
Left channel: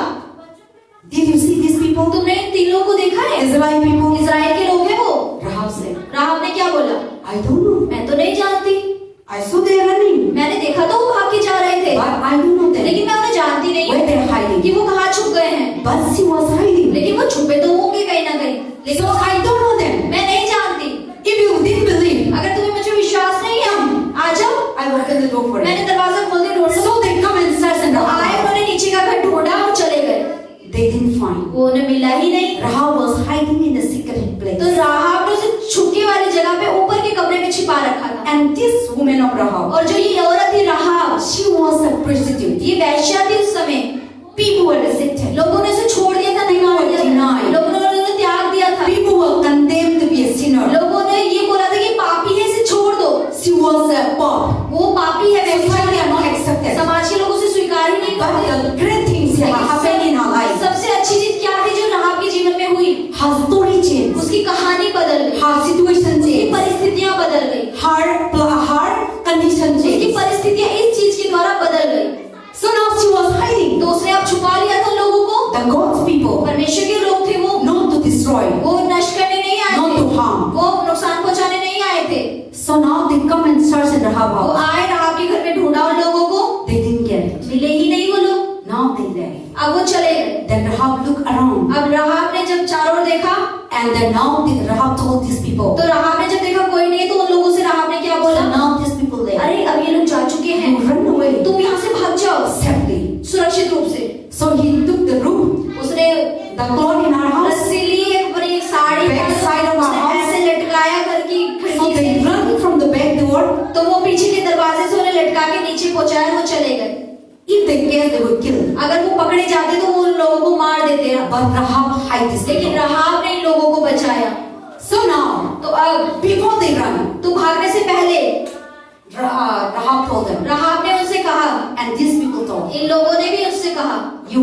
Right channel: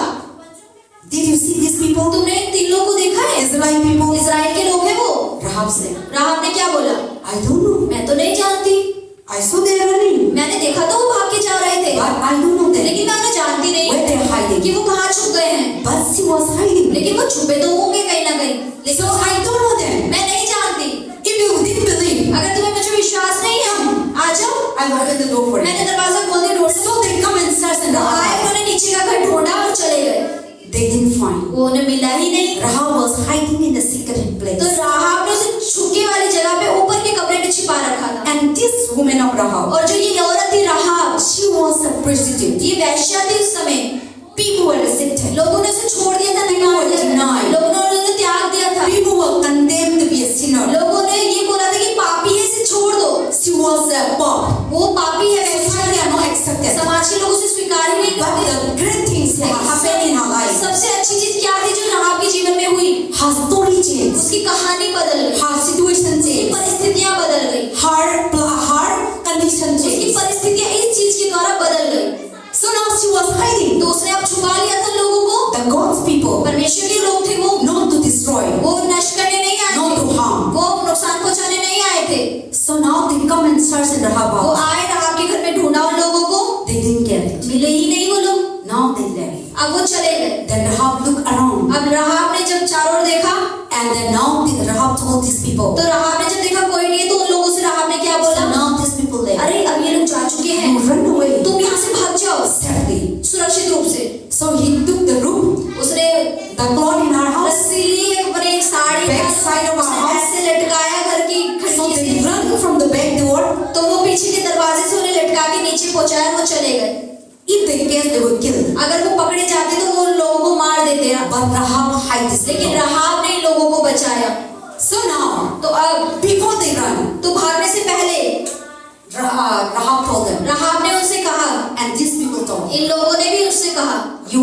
did you see these people? तुमने इन 3 लोगों को देखा है? Israeli people? इजराइल के लोग हैं वो। Rahab said, रहाब ने क्या बोला? I don't know. मैं तो नहीं जानती, I saw they are running, मैंने देखा तो वो भाग के जा रहे थे, but I don't know them. लेकिन मैं उन्हें जानती नहीं Where they are कि hiding? वो कहाँ छुप गए हैं। But she was hiding. लेकिन वो छुपे तो होंगे कहीं ना कहीं, लेकिन So I don't know them. मैं नहीं जानती। If you didn't believe, अगर तुम्हें मुझे विश्वास नहीं है, आ जाओ, I opened the door for मैंने them. दरवाजा खोल दिया, ढूंढ So they come and search in the आए, house. उन्होंने नीचे का घर ढूंढा और चले गए। They didn't find. वो उन्हें मिला ही नहीं। Rahab was hiding in the secret place. तो राहाब ने उसे छुपके वाली जगह पे ऊपर के कमरे में छिपा रखा था। And this woman of Rahab, और जो ये औरत थी राहाब, she was a prostitute. ये वैश्या थी उस समय। People were rejected. लोगों ने उसे छोड़ दिया था, नकार दिया था, लोगों ने उन्हें त्याग दिया था, People were condemned to be a sinner. लोगों ने ये बोला था कि पापी है, इसे छोड़ दो, She was a pop. वो पापी है, Society are not accepted. समाज के लोग उसे स्वीकार ही नहीं But करते। the great things that happened in her life, सबसे अच्छी चीज क्या थी जो राहाब के जीवन में हुई? her story changed, उसकी कहानी बदल गई, her situation उसकी changed, परिस्थितियां बदल गई, her condition उसकी changed. परिस्थितियां इस चीज के द्वारा बदल गई। So now she was hiding. तो उसने अब छुपा लिया था लोगों को। The God's people, परमेश्वर के लोग थे वो, not to destroy, वो नष्ट करने नहीं आए not थे, to harm. वो नुकसान पहुंचाने नहीं आए थे। So now they come and search in Rahab वो house. आए, राहाब के घर में ढूंढा उन लोगों को, They didn't get it. मिले ही नहीं वो लोग। Now they left. अब वो चले गए। Then Rahab looked around, अब राहाब ने जब चारों ओर देखा, and then now Rahab told these people, तो राहाब ने जब देखा कोई नहीं है, तो उन लोगों से राहाब ने क्या बोला?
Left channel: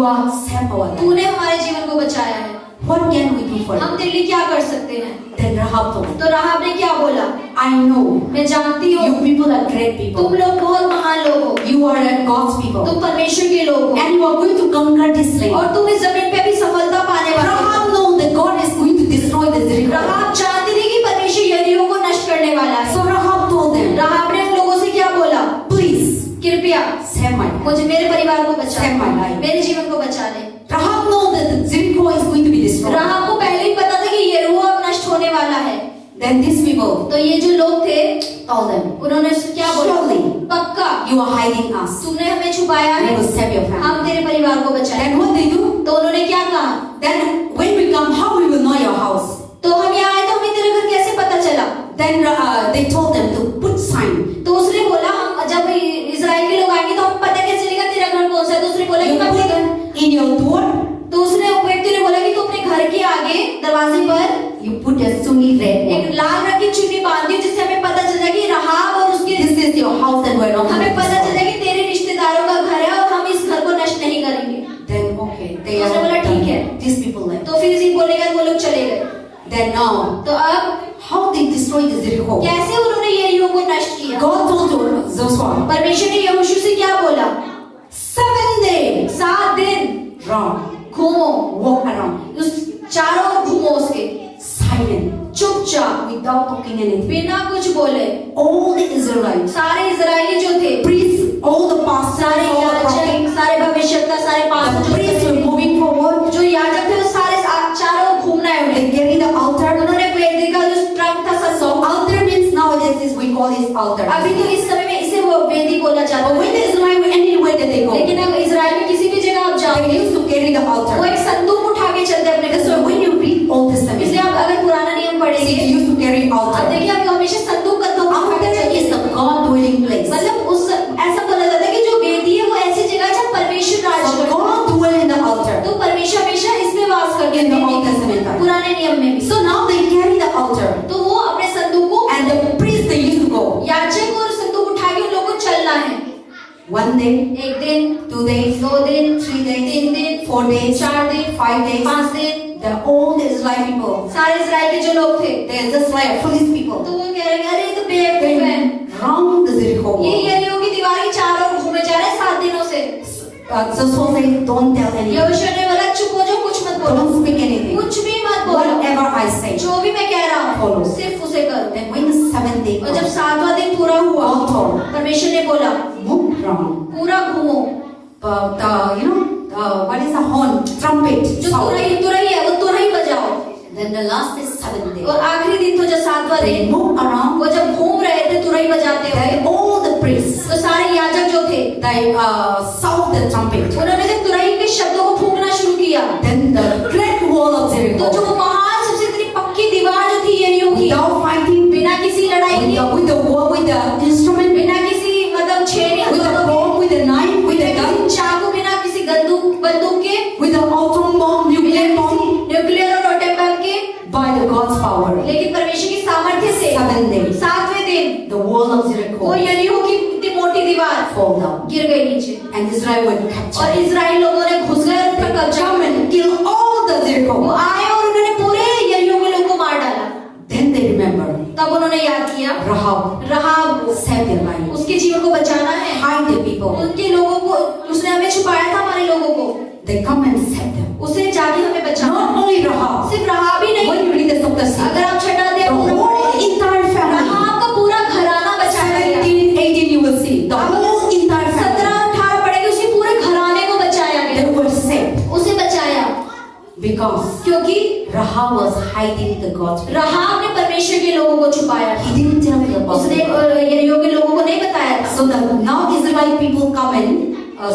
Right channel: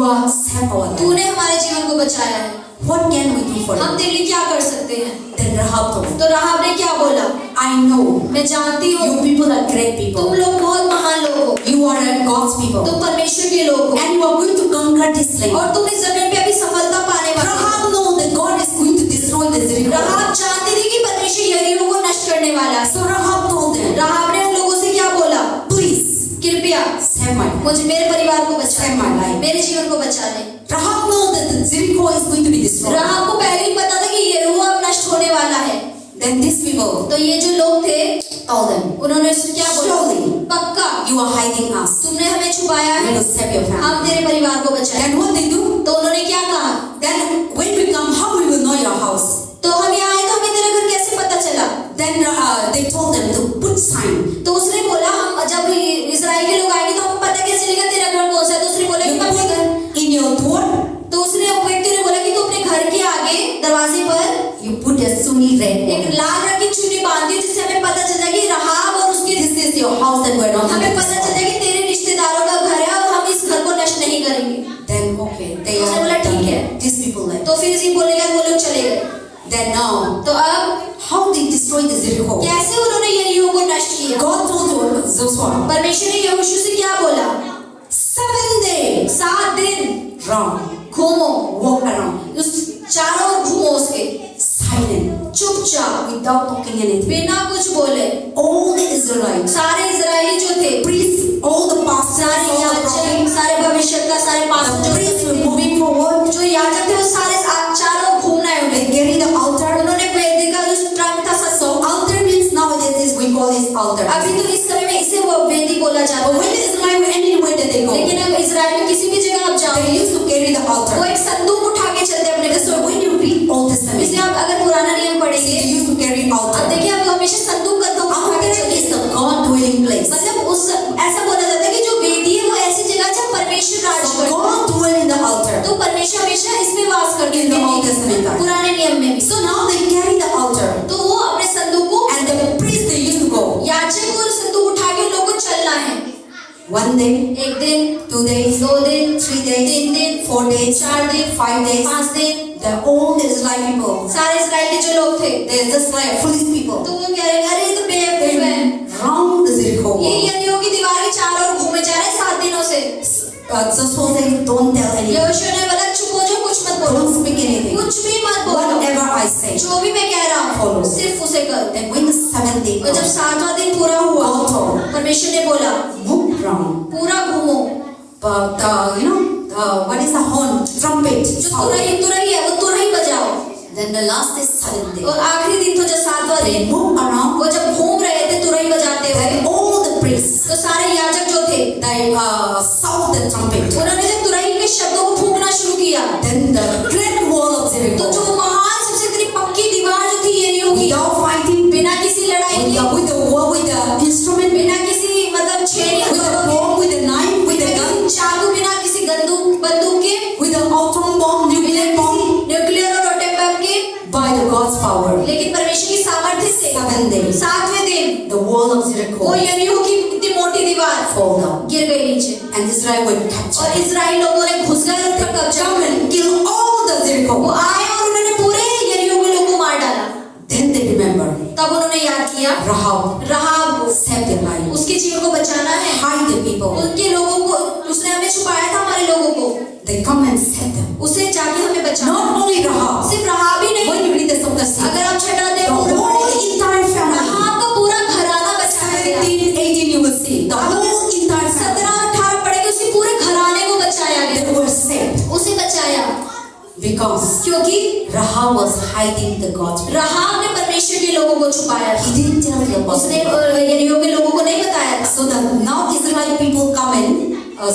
are saved our life. तूने हमारे जीवन को बचाया है, What can we do for हम you? तेरे लिए क्या कर सकते हैं? Then Rahab told, तो राहाब ने क्या बोला? I know मैं जानती हूँ you people are great तुम people. लोग बहुत महान लोग हो, You are God's people. तुम परमेश्वर के लोग हो, And you are going to conquer this land. और तुम इस जमीन पे अभी सफलता पाने वाले हो। Rahab knows that God is going to destroy the Jericho. राहाब जानती थी कि परमेश्वर यरीहो को नष्ट करने वाला है। So Rahab told them, राहाब ने उन लोगों से क्या बोला? please कृपया save my life. मुझे, मेरे परिवार को बचा Save my life. मेरे जीवन को बचा ले। Rahab knows that the Jericho is going to be destroyed. राहाब को पहले ही पता था कि यरीहो अब नष्ट होने वाला है। Then these people तो ये जो लोग थे told them, उन्होंने उससे क्या बोला? surely पक्का you are hiding us. तुमने हमें छुपाया We है, will save your family. हम तेरे परिवार को बचाए। Then what they do? तो उन्होंने क्या कहा? Then when we come, how we will know your house? तो हम यहाँ आए तो हमें तेरा घर कैसे पता चला? Then they told them to put sign. तो उसने बोला हम जब इस्राएल के लोग आएंगे तो हमें पता कैसे चलेगा तेरा घर कौन सा है? तो उसने बोला कि You मैं अपने घर, put in your door, तो उसने व्यक्ति ने बोला कि तू अपने घर के आगे दरवाजे पर you put a sunni red एक one. लाल रंग की चुन्नी बांध दी, जिससे हमें पता चलता है कि राहाब और उसके, This is your house and we're not going हमें to पता चलता destroy. है कि तेरे रिश्तेदारों का घर है और हम इस घर को नष्ट नहीं करेंगे। Then okay, they उसने बोला are ठीक है। these people left. तो फिर इसी बोलने के बाद वो लोग चले गए। Then now, तो अब how they destroyed the Jericho? कैसे उन्होंने यरीहो को नष्ट किया? God told Joshua, परमेश्वर ने यहोशू से क्या बोला? 7 days, 7 दिन run, घूमो, walk around, उस चारों ओर घूमो उसके, silent, चुपचाप, without talking anything. बिना कुछ बोले। All the Israelites, सारे इजरायली जो थे, priests, all the pastors, सारे all the याजक, prophets, सारे भविष्यद्वक्ता, सारे the pastor priests were moving forward. जो याजक थे वो सारे चारों ओर घूमना है They उन्हें। carry the altar. उन्होंने वेदी का जो ट्रंक था So altar means nowadays is we call it altar. अभी तो इस समय में इसे वो वेदी बोला जाता But when है। Israel anywhere that they go, लेकिन अब इजराइल में किसी भी जगह आप they जाओगे used to carry the वो altar. एक संदूक उठा के चलते हैं अपने घर। So when you read Old Testament, इसलिए आप अगर पुराना नियम पढ़ेंगे they used to carry अब altar. देखिए आप हमेशा संदूक का दो उठा के Altar चलते is हैं। the God dwelling place. मतलब उस ऐसा बोला जाता है कि जो वेदी है वो ऐसी जगह है जहाँ परमेश्वर राज So करता है। God dwell in the altar. तो परमेश्वर हमेशा इसमें वास करते In the हैं Old Testament time. पुराने नियम में भी। So now they carry the altar, तो वो अपने संदूक को, and the priest they used to go. याजक और संदूक उठा के उन लोगों को चलना है। 1 day, एक दिन, 2 days, 2 दिन, 3 days, 3 दिन, 4 days, 4 दिन, 5 days. 5 दिन। The all the Israeli people, सारे इजराइल के जो लोग थे they're just like foolish people. तो वो कह रहे हैं अरे ये तो बेवकूफ है, Round the Jericho. ये यरीहो की दीवार के चारों ओर घूमे जा रहे हैं 7 दिनों से। Joshua said, don't tell anyone. यहोशू ने बोला चुप हो जाओ, कुछ मत बोलो, Don't speak anything. कुछ भी मत बोलो, Whatever I say. जो भी मैं कह रहा हूँ Follow. सिर्फ उसे करो। Then when the 7th day और जब comes, 7वां दिन पूरा हुआ God told, परमेश्वर ने बोला move round. पूरा घूमो, But what is the horn? Trumpet. जो sound. तुरही है वो तुरही बजाओ। Then the last is 7th day. और आखिरी दिन तो जो 7वां They दिन move around. वो जब घूम रहे थे तुरही बजाते हुए, Then all the priests, तो सारे याजक जो थे they sound the trumpet. उन्होंने जब तुरही के शब्दों को फूंकना शुरू किया Then the great wall of तो Jericho, जो महान सबसे इतनी पक्की दीवार जो थी यरीहो की, without fighting, बिना किसी लड़ाई के, with the war, with the instrument, बिना किसी मतलब छेड़ी, with the bomb, with the knife, with बिना the gun, किसी चाकू, बिना किसी बंदूक के, with the atom bomb, nuclear bomb, nuclear और एटम बम के, by the God's power. लेकिन परमेश्वर की सामर्थ्य से 7 days, 7वें दिन the wall of वो Jericho यरीहो की इतनी मोटी दीवार fall down, गिर गई नीचे and Israel were और captured. इजराइल लोगों ने घुस गए उन पर कब्जा Come कर and kill all the वो Jericho. आए और उन्होंने पूरे यरीहो के लोगों को मार डाला। Then they remember तब उन्होंने याद किया Rahab को saved their life, उसके जीवन को बचाना है, hide the people. उनके लोगों को उसने हमें छुपाया था, हमारे लोगों को They come and save them. उसे जाके हमें बचाना। Not only Rahab. सिर्फ राहाब ही नहीं, When you read the song, अगर आप छठा the अध्याय whole पढ़ेंगे, entire family. राहाब का पूरा घराना बचाया गया। 17, 18, you will see the whole entire family. 17-18 पढ़ेंगे, उसके पूरे घराने को बचाया They गया, were saved उसे बचाया because क्योंकि Rahab was hiding the God's people. राहाब ने परमेश्वर के लोगों को छुपाया। He didn't tell the उसने gospel. यरीहो के लोगों को नहीं बताया था। So the now Israelite people come and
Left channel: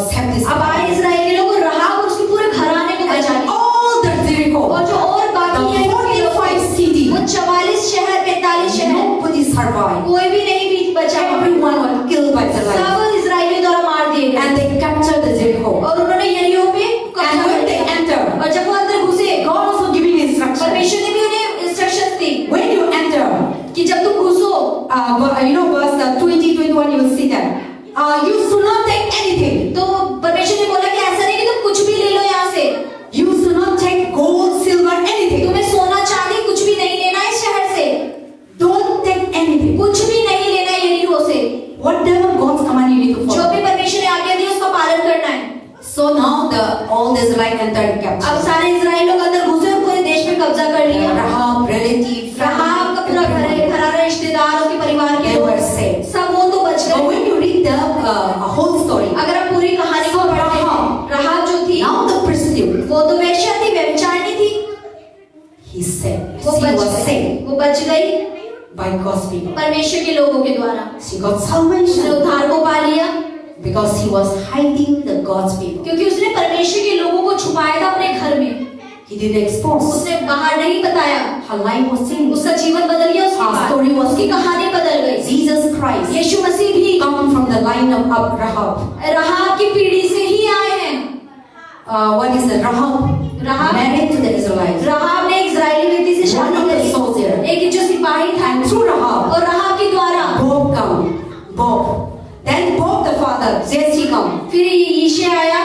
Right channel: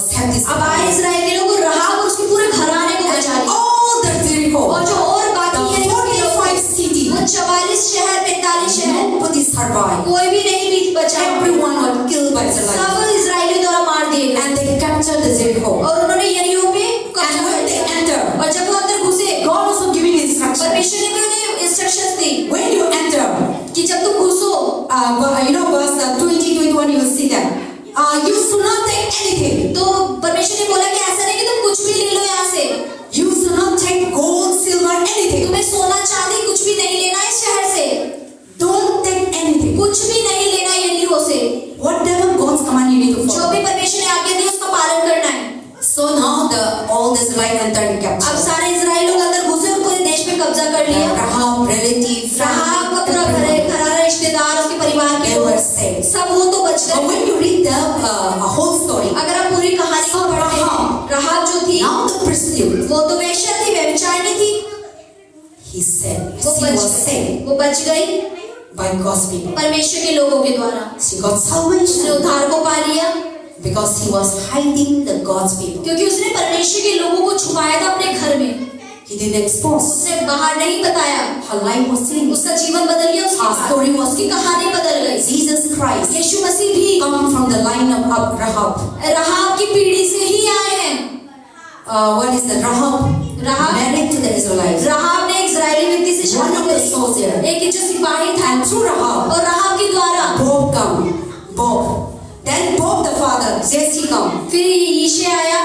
save this. अब आए इजराइल के लोग राहाब और उसके पूरे घराने को बचा लिया। All the Jericho, और जो और the बाकी है 45 cities, वो 44 शहर 45 शहर nobody survived. कोई भी नहीं बीच बचा, Everyone was killed by Israel. सब इजरायलियों द्वारा मार दिए गए And they captured the Jericho. और उन्होंने यरीहो पे कब्जा And कर when they लिया। enter, और जब वो अंदर घुसे God also giving instructions. परमेश्वर ने भी उन्हें instructions the When you enter, कि जब तुम घुसो verse 20, 21, you will see that. You should not take anything. तो परमेश्वर ने बोला कि ऐसा नहीं कि तुम कुछ भी ले लो salvation उद्धार को पा लिया, because he was hiding the God's people. क्योंकि उसने परमेश्वर के लोगों को छुपाया था अपने घर में, He didn't expose. उसने बाहर नहीं बताया, Her life was changed. उसका जीवन बदल गया, उसकी Her story was उसकी कहानी बदल गई। Jesus Christ यीशु मसीह भी come from the line of Rahab. राहाब की पीढ़ी से ही आए हैं। What is the Rahab? Rahab Married to the Israelites. राहाब ने एक इजरायली व्यक्ति से One शादी of the की, soldier. एक जो सिपाही था, And through Rahab, और राहाब के द्वारा Bob come. Bob. Then Bob the father, Jesse come. फिर यीशे आया,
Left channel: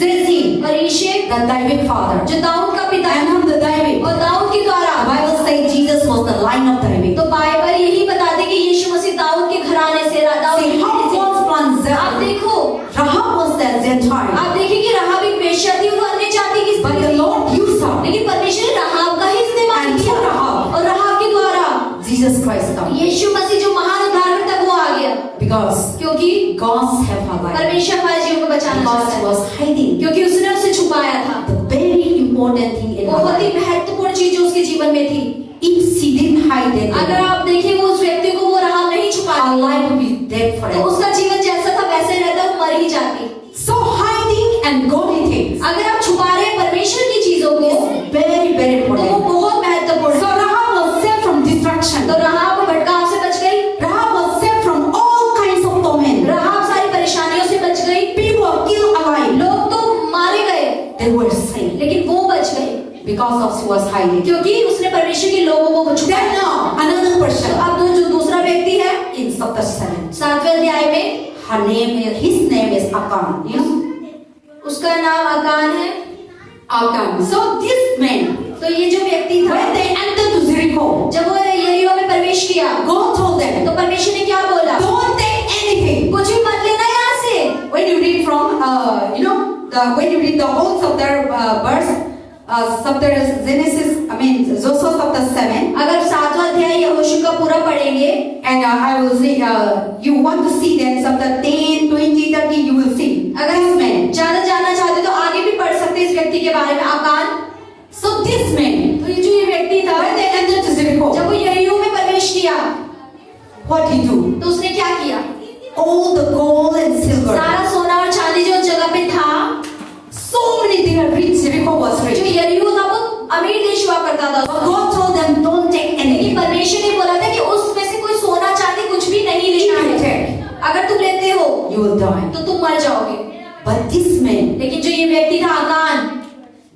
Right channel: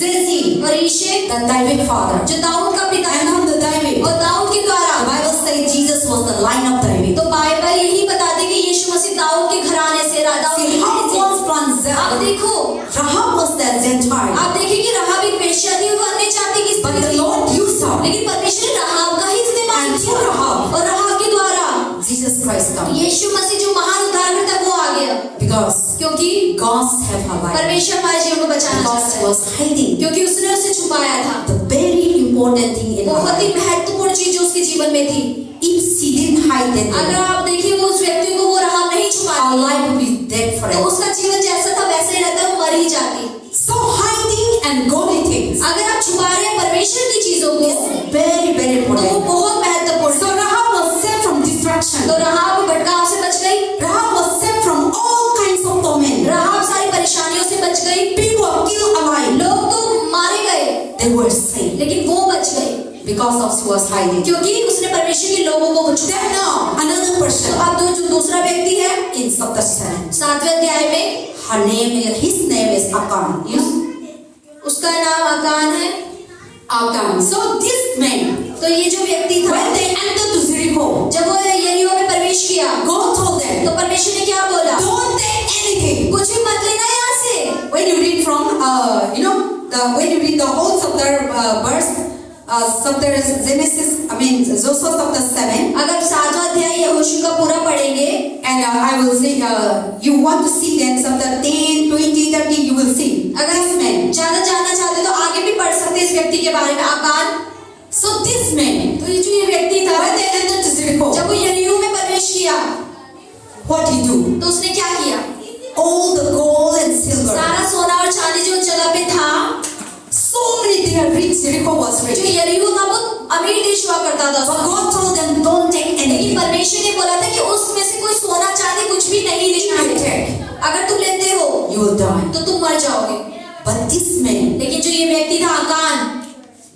Jesse, और यीशे the David father. जो दाऊद का पिता And है, from the David. और दाऊद के The द्वारा, Bible says Jesus was the line of David. तो बाइबल यही बताती है कि यीशु मसीह दाऊद के घराने से, दाऊद See की how पीढ़ी से। God's plans आप are. देखो, Rahab was the Gentile. आप देखिए कि राहाब एक वेश्या थी, वो अन्य जाति की But स्त्री the थी, Lord used her. लेकिन परमेश्वर ने राहाब का ही इस्तेमाल And किया, through Rahab, और राहाब के द्वारा Jesus Christ come. यीशु मसीह जो महान उद्धारकर्ता वो आ गया, Because क्योंकि God saved her life. परमेश्वर हमारे जीवन को बचाना Because चाहता he है, was hiding. क्योंकि उसने उसे छुपाया था। The very important thing in her बहुत ही life. महत्वपूर्ण चीज जो उसके जीवन में थी, If she didn't hide that अगर thing, आप देखिए वो उस व्यक्ति को वो राहाब नहीं her छुपाती, life would be dead तो forever. उसका जीवन जैसा था वैसा ही रहता, वो मर ही जाती। So hiding and godly things अगर आप छुपा रहे हैं परमेश्वर की चीजों को, is very, very तो वो important. बहुत महत्वपूर्ण So है। Rahab was saved from destruction. तो राहाब भटकाव से बच गई, Rahab was saved from all kinds of torment. राहाब सारी परेशानियों से बच गई, People were killed alive. लोग तो मारे गए, They were saved लेकिन वो बच गई because of she was hiding. क्योंकि उसने परमेश्वर के लोगों को छुपाया। Then now another तो person अब जो दूसरा व्यक्ति है, in chapter 7. 7वें अध्याय में, His name is Achan. You know? उसका नाम अकान है। Achan. So this man, तो ये जो व्यक्ति था, when they entered to Jericho, जब वो यरीहो में प्रवेश किया, God told them, तो परमेश्वर ने क्या बोला? don't take anything. कुछ भी मत लेना यहाँ से। When you read from, when you read the whole chapter verse, chapter Genesis, Joshua chapter 7, अगर 7वां अध्याय यहोशू का पूरा पढ़ेंगे, and I will say, you want to see then chapter 10, 20, 30, you will see. अगर This man. ज्यादा जानना चाहते तो आगे भी पढ़ सकते हैं इस व्यक्ति के बारे में, आकान। So this man, तो ये जो ये व्यक्ति था, when they entered to Jericho, जब वो यरीहो में प्रवेश किया, what he do? तो उसने क्या किया? All the gold and silver. सारा सोना और चांदी जो उस जगह पे था, So many they are rich. Jericho was जो rich. यरीहो था वो अमीर देश हुआ करता था, But God told them, don't take लेकिन anything. परमेश्वर ने बोला था कि उसमें से कोई सोना चांदी कुछ भी नहीं लेना If you है, take, अगर तुम लेते हो you will die. तो तुम मर जाओगे। But this man लेकिन जो ये व्यक्ति था आकान,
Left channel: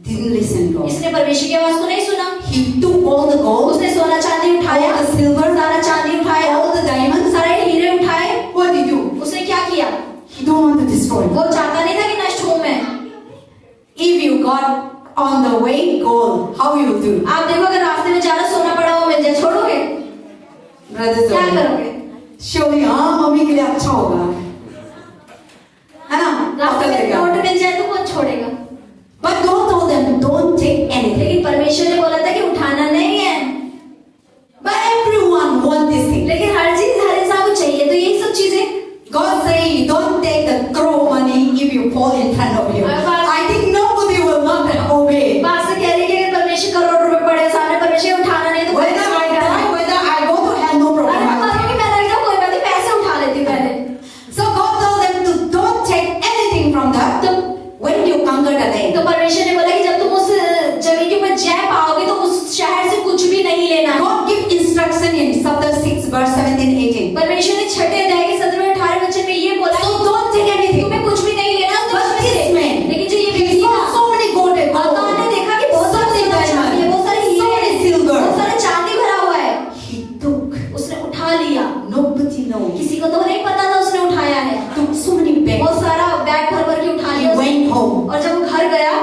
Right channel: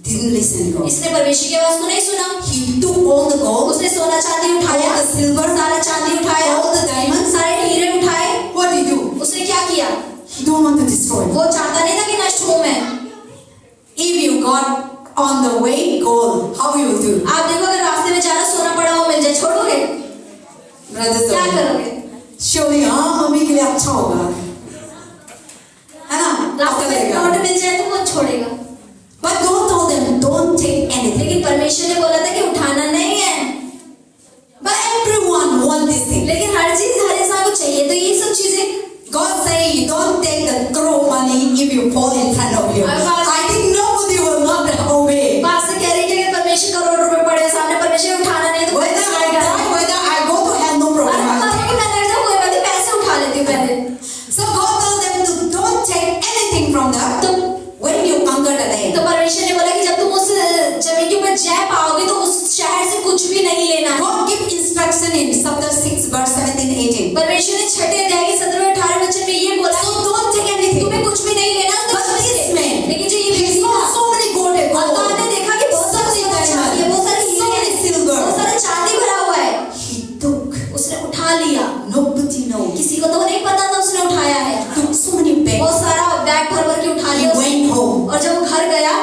didn't listen to God. इसने परमेश्वर की आवाज को नहीं सुना, He took all the gold, उसने सोना चांदी उठाया, all the silver, सारा चांदी उठाया, all the diamonds. सारे हीरे उठाए। What did he do? उसने क्या किया? He don't want to destroy. वो चाहता नहीं था कि नष्ट हो मैं। If you got on the way gold, how you will do? आप देखो अगर रास्ते में ज्यादा सोना पड़ा हुआ मिल जाए, छोड़ोगे? Brothers क्या and करोगे? surely मम्मी के लिए अच्छा होगा, है ना? रास्ते में चलेगा. नोट मिल जाए तो कौन छोड़ेगा? But God told them, don't take anything. लेकिन परमेश्वर ने बोला था कि उठाना नहीं है। But everyone want this thing. लेकिन हर चीज हर इंसान को चाहिए, तो यही सब चीजें। God say, don't take the crore money if you fall in front of you. I think nobody will not obey. बात से कह रही है कि अगर परमेश्वर करोड़ रुपए पड़े सामने, परमेश्वर उठाना नहीं है तो कोई Whether I die, whether I go to hell, no problem. अरे I'll बात take. कि मैं नहीं जाऊँ, कोई बात नहीं, पैसे उठा लेती हूँ पहले। So God told them to don't take anything from that. तो When you conquer the day, तो परमेश्वर ने बोला कि जब तुम उस जमीन के ऊपर जय पाओगे तो उस शहर से कुछ भी नहीं लेना। God give instruction in chapter 6 verse 17, 18. परमेश्वर ने 6 अध्याय के 17-18 वचन में ये बोला, So don't take anything. तुम्हें कुछ भी नहीं लेना। But this man, लेकिन जो ये he व्यक्ति saw था, so many gold and आकान gold, ने देखा कि बहुत सारे सोना चांदी है, बहुत सारे so हीरे many हैं, silver. बहुत सारे चांदी भरा हुआ है। He took. उसने उठा लिया, Nobody knows. किसी को तो नहीं पता था उसने उठाया है। Took so many bags. बहुत सारा बैग भर भर के उठा He लिया उसने। went home. और जब वो घर गया,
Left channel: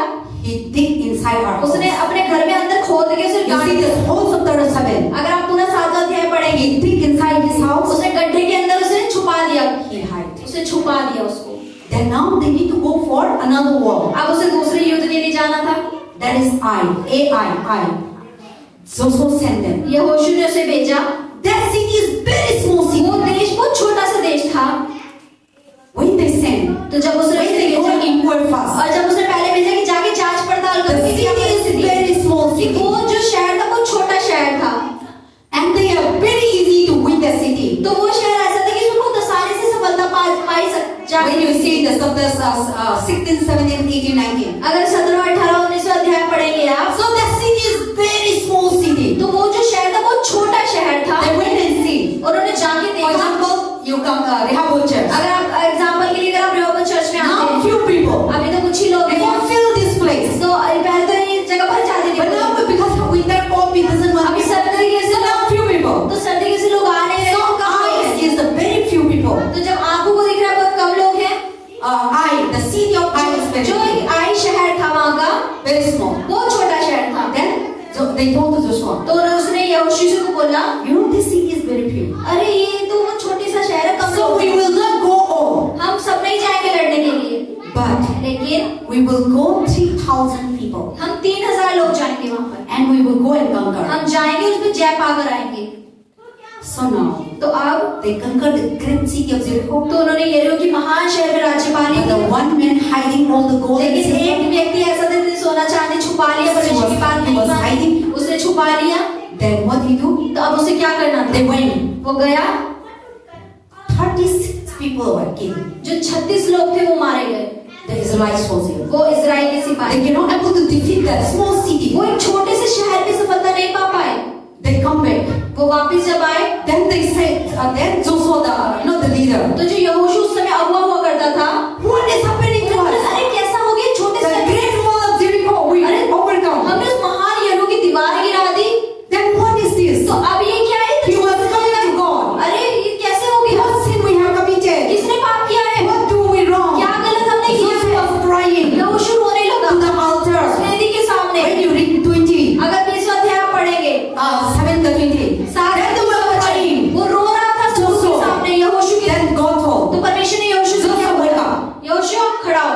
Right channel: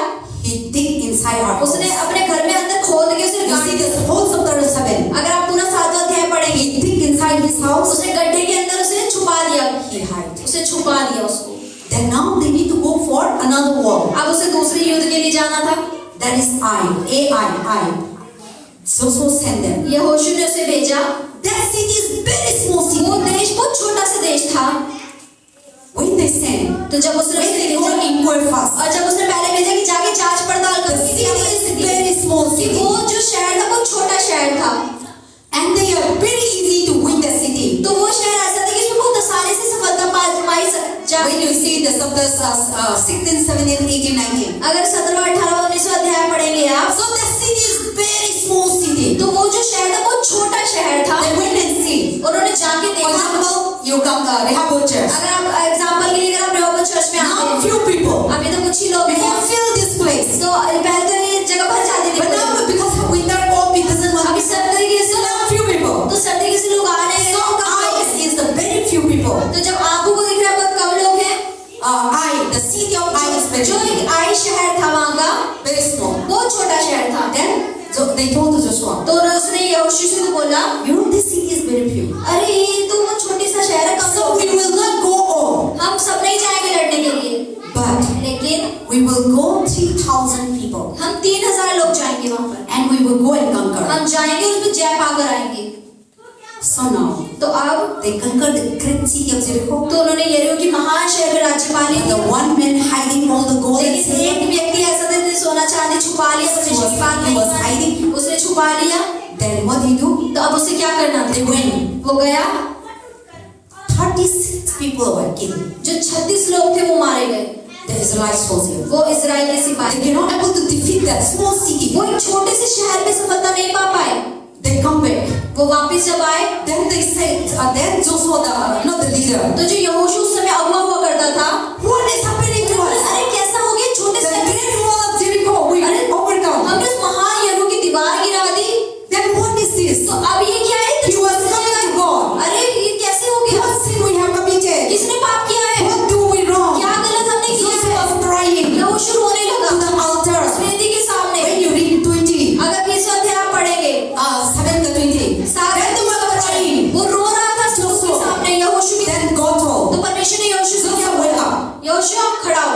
He dig inside her. उसने अपने घर में अंदर खोद के उसे You गाड़ see दिया। this whole chapter 7. अगर आप पूरा 7वां अध्याय पढ़ेंगे, He dig inside his house. उसने गड्ढे के अंदर उसे छुपा दिया, He hide. उसे छुपा दिया उसको। Then now they need to go for another war. अब उसे दूसरे युद्ध के लिए जाना था। That is I. Joshua sent them. यहोशू ने उसे भेजा। That city is very small city. वो देश बहुत छोटा सा देश था। When they sent, तो जब उसने when उसे they go भेजा, inquire first, और जब उसने पहले भेजा कि जाके जांच पड़ताल the करो कि क्या city is परिस्थिति है। very small कि city. वो जो शहर था वो छोटा शहर था, And they are very easy to win the city. तो वो शहर ऐसा था कि उसमें बहुत आसानी से see the chapters 16, 17, 18, 19. अगर 17, 18, 19 अध्याय पढ़ेंगे आप, So the city is very small city. तो वो जो शहर था वो छोटा शहर था। They went and see. उन्होंने जाके For देखा। example, you come Rehoboth Church. अगर आप एग्जांपल के लिए अगर आप रेहोबोथ चर्च में आते Now हैं, few people. अभी तो कुछ ही लोग We हैं, can fill this place. तो पहले तो ये जगह भर जाती थी, But now because winter cold, it doesn't want अभी to. सर्द तरीके से So now few people. तो सर्द तरीके से लोग आ रहे हैं। So eyes is the very few people. तो जब आंखों को दिख रहा है बहुत कम लोग हैं। The city of Ai is very जो few. एक आई शहर था वहाँ का, Very small. बहुत छोटा शहर था। Then so they told to Joshua, तो उसने यहोशू को बोला, you know this city is very few. अरे ये तो वो छोटी सा शहर है, कम So लोग we हैं। will not go all, हम सब नहीं जाएंगे लड़ने के लिए, but लेकिन we will go 3,000 people, हम 3000 लोग जाएंगे वहाँ पर। and we will go and conquer. हम जाएंगे, उसमें जय पाकर आएंगे। So now तो अब they conquered the great city of Jericho. तो उन्होंने यरीहो की महान शहर में राज्य पा But लिया। the one man hiding all the gold and लेकिन silver, एक व्यक्ति ऐसा था जिसने सोना चांदी छुपा लिया, परमेश्वर की बात he नहीं was मानी, hiding. उसने छुपा लिया। Then what did he do? तो अब उसे क्या करना था? They went. वो गया, 36 people were killed. जो 36 लोग थे वो मारे गए। The Israelites soldiers. वो इजराइल के They सिपाही, cannot able to defeat that small city. वो एक छोटे से शहर में सफलता नहीं पा पाए। They come back. वो वापस जब आए, Then they said, then Joshua, not the leader, तो जो यहोशू उस समय अगुवा हुआ करता था, what is happening to us? अरे कैसा हो गया, छोटे The से great wall of Jericho, we overcome. हमने उस महान यरीहो की दीवार गिरा दी। Then what is this? तो अब ये क्या है? He was coming to God. अरे ये कैसे हो गया? What sin we have committed? किसने पाप किया है? What do we wrong? क्या गलत हमने किया है? Joshua was crying to यहोशू रोने लगा the altar. वेदी के सामने। When you read 20, अगर 20 अध्याय आप पढ़ेंगे, 7 to 20, सात then they were crying. वो रो रहा था स्तूप के सामने यहोशू के। Then God told, तो परमेश्वर ने यहोशू से Joshua, wake up. यहोशू खड़ा हो,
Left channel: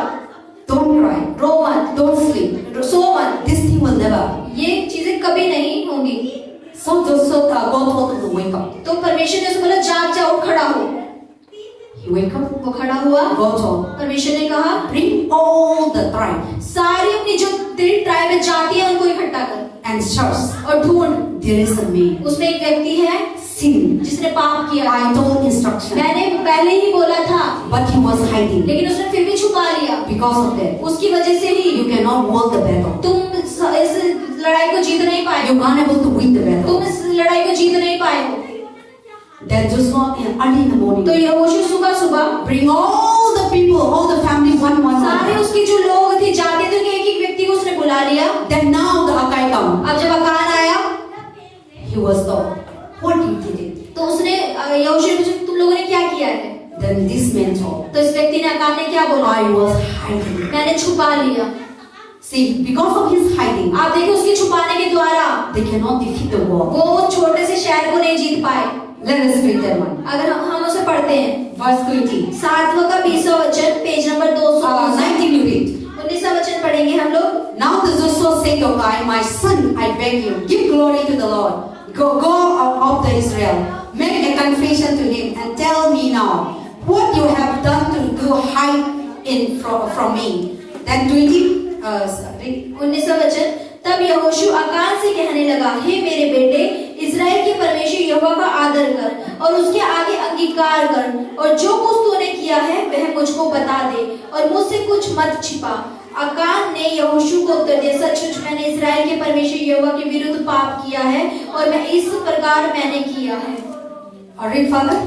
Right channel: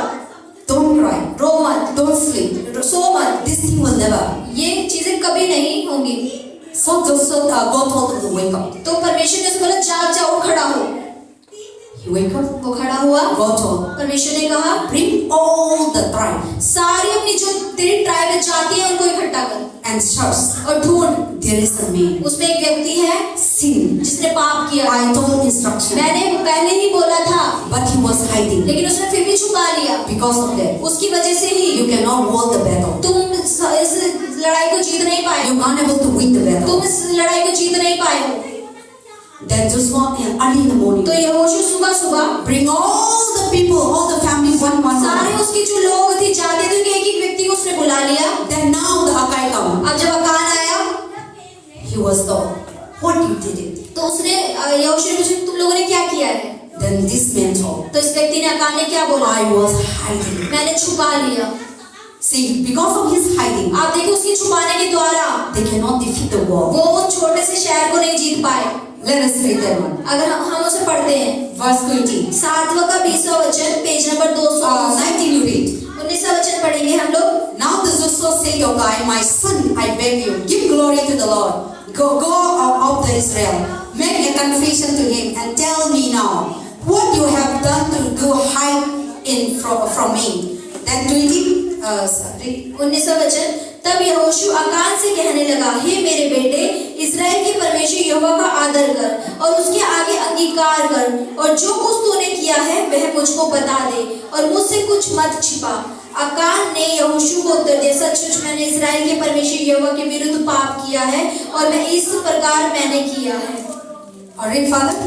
Don't cry. रो मत, Don't sleep. सो मत, This thing will never. ये चीजें कभी नहीं होंगी। So Joshua, God told him to wake up. तो परमेश्वर ने उसको बोला जाग जाओ, खड़ा हो। He wake up. वो खड़ा हुआ। God told, परमेश्वर ने कहा bring all the tribe सारी अपनी जो तेरी ट्राइब में जाति है उनको इकट्ठा कर and search. और ढूंढ, There is a man. उसमें एक व्यक्ति है Sin. जिसने पाप किया। I told instruction, मैंने पहले ही बोला था, but he was hiding. लेकिन उसने फिर भी छुपा लिया। Because of that, उसकी वजह से ही you cannot win the battle. तुम इस लड़ाई को जीत नहीं पाए You हो। can't able to win the battle. तुम इस लड़ाई को जीत नहीं पाए हो। Then Joshua, early in the morning, तो यहोशू सुबह सुबह bring all the people, all the family, one. सारे उसके जो लोग थे, जाते थे, एक एक व्यक्ति को उसने बुला लिया। Then now the Akai come. अब जब अकान आया, He was told, what you did it? तो उसने यहोशू से पूछा तुम लोगों ने क्या किया है? Then this man told, तो इस व्यक्ति ने अकान ने क्या बोला? I was hiding. मैंने छुपा लिया। See, because of his hiding, आप देखिए उसके छुपाने के द्वारा they cannot defeat the war. वो छोटे से शहर को नहीं जीत पाए। Let us read that one. अगर हम उसे पढ़ते हैं, Verse 20. 7वां का 20वां वचन, पेज नंबर 219, 19 you read. 19वां वचन पढ़ेंगे हम लोग। Now the Joshua said to Akai, my son, I beg you, give glory to the Lord. Go out of the Israel. Make a confession to him and tell me now what you have done to hide in from me. Then 20. 19वां वचन, तब यहोशू अकान से कहने लगा, हे मेरे बेटे, इस्राएल के परमेश्वर यहोवा का आदर कर और उसके आगे अंगीकार कर और जो कुछ तूने किया है वह मुझको बता दे और मुझसे कुछ मत छिपा। अकान ने यहोशू को उत्तर दिया, सचमुच मैंने इस्राएल के परमेश्वर यहोवा के विरुद्ध पाप किया है और मैं इस प्रकार मैंने किया है। Read Father.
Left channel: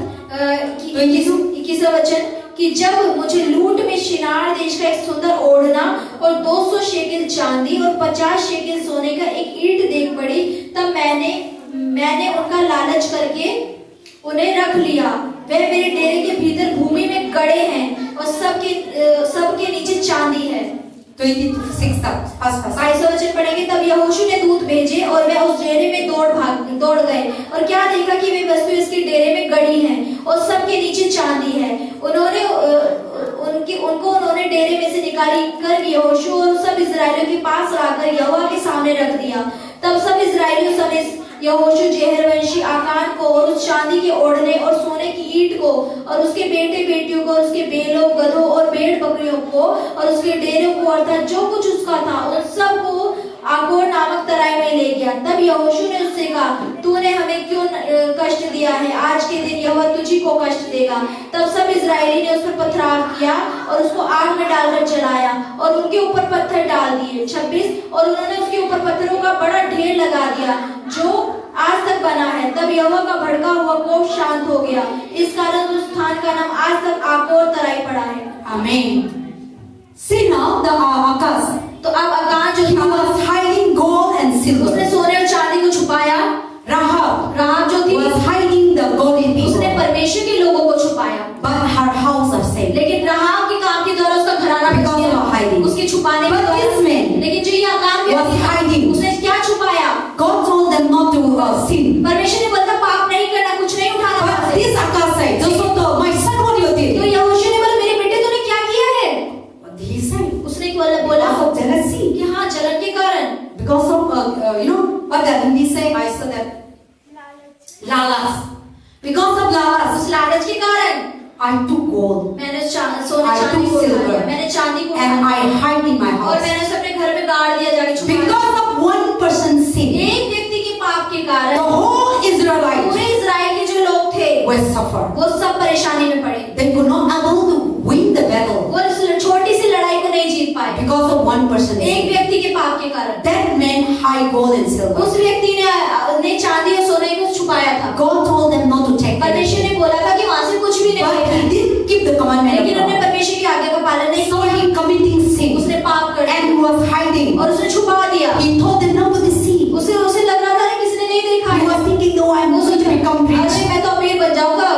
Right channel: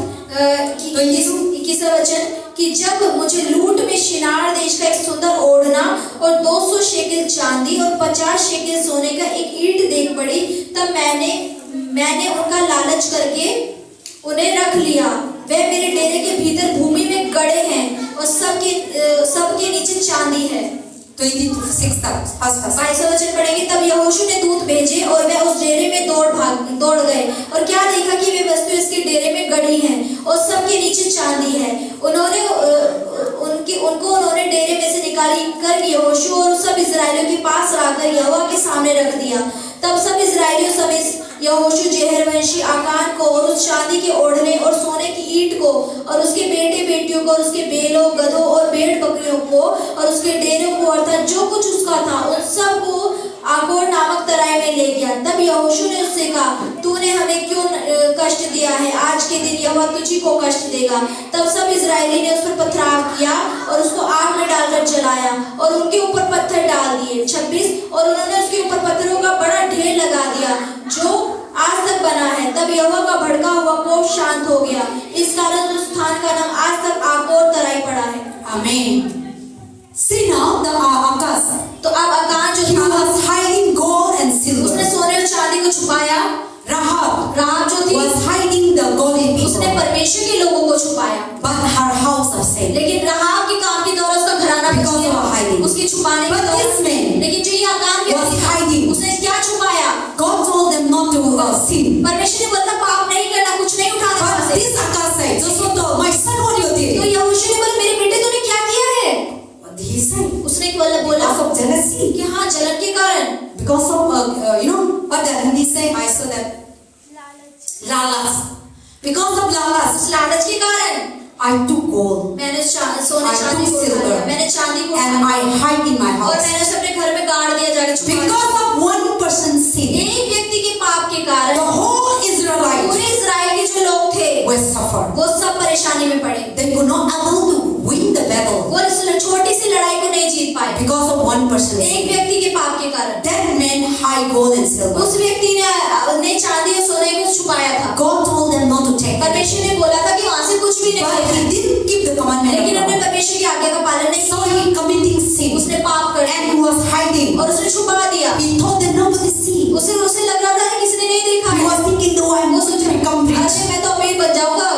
21वां वचन, कि जब मुझे लूट में शिनार देश का एक सुंदर ओढ़ना और 200 शेकेल चांदी और 50 शेकेल सोने का एक ईंट देख पड़ी, तब मैंने उनका लालच करके उन्हें रख लिया। वे मेरे डेरे के भीतर भूमि में गड़े हैं और सबके नीचे चांदी है। 26 22वां वचन पढ़ेंगे, तब यहोशू ने दूत भेजे और वे उस डेरे में दौड़ गए और क्या देखा कि वे वस्तु इसके डेरे में गड़ी हैं और सबके नीचे चांदी है। उन्होंने डेरे में से निकाली कर यहोशू और सब इस्राएलियों के पास लाकर यहोवा के सामने रख दिया। तब सब इस्राएलियों समेत यहोशू जेहरवंशी आकान को और उस चांदी के ओढ़ने और सोने की ईंट को और उसके बेटे बेटियों को और उसके बैलों, गधों और भेड़ बकरियों को और उसके डेरे को अर्थात जो कुछ उसका था उन सब को आकोर नामक तराई में ले गया। तब यहोशू ने उससे कहा, तूने हमें क्यों कष्ट दिया है? आज के दिन यहोवा तुझी को कष्ट देगा। तब सब इजरायली ने उस पर पथराव किया और उसको आग में डालकर जलाया और उनके ऊपर पत्थर डाल दिए। 26 और उन्होंने उसके ऊपर पत्थरों का बड़ा ढेर लगा दिया जो आज तक बना है। तब यहोवा का भड़का हुआ कोप शांत हो गया। इस कारण उस स्थान का नाम आज तक आकोर तराई पड़ा है। Amen. See now the Akas. तो अब अकान जो He था was hiding gold and silver. उसने सोने और चांदी को छुपाया। Rahab जो थी was hiding the golden उसने people. परमेश्वर के लोगों को छुपाया। But her house was saved. लेकिन राहाब के काम के द्वारा उसका घराना बच Because गया। of hiding. उसके छुपाने के But द्वारा। this man लेकिन जो ये अकान was व्यक्ति था, hiding. उसने क्या छुपाया? God told them not to sin. परमेश्वर ने बोला पाप नहीं करना, कुछ नहीं उठाना But वहां से। this Akas said, Joshua told my son what you तो did. यहोशू ने बोला मेरे बेटे तूने क्या किया है? What did he say? उसने बोला Because of jealousy. कि हाँ जलन के कारण। Because of what the Hindi say? I said that. Lalas. Because of lalas, उस लालच के कारण I took gold मैंने सोने I चांदी took को उठा silver. लिया। मैंने चांदी को and उठा I लिया hide in my और house. मैंने उसे अपने घर में गाड़ दिया जाके छुपा दिया। Because of one person's sin, एक व्यक्ति के पाप के कारण the whole Israelites पूरे इजराइल के जो लोग थे were suffered. वो सब परेशानी में पड़े। They were not able to win the battle वो इस छोटी सी लड़ाई को नहीं जीत पाए because of one person's एक sin. व्यक्ति के पाप के कारण। That man hide gold and silver. उस व्यक्ति ने चांदी और सोने को छुपाया था। God told them not to take परमेश्वर it. ने बोला था कि वहां से कुछ भी नहीं But लेना। he didn't keep the commandment लेकिन of उन्होंने God. परमेश्वर की आज्ञा का पालन नहीं So किया। he committing sin उसने पाप कर and he was hiding. और उसने छुपा दिया। He told them nobody see. उसे लग रहा था कि किसी ने नहीं देखा He है। was thinking, no, I'm going to become rich. अरे मैं तो अमीर बन जाऊंगा।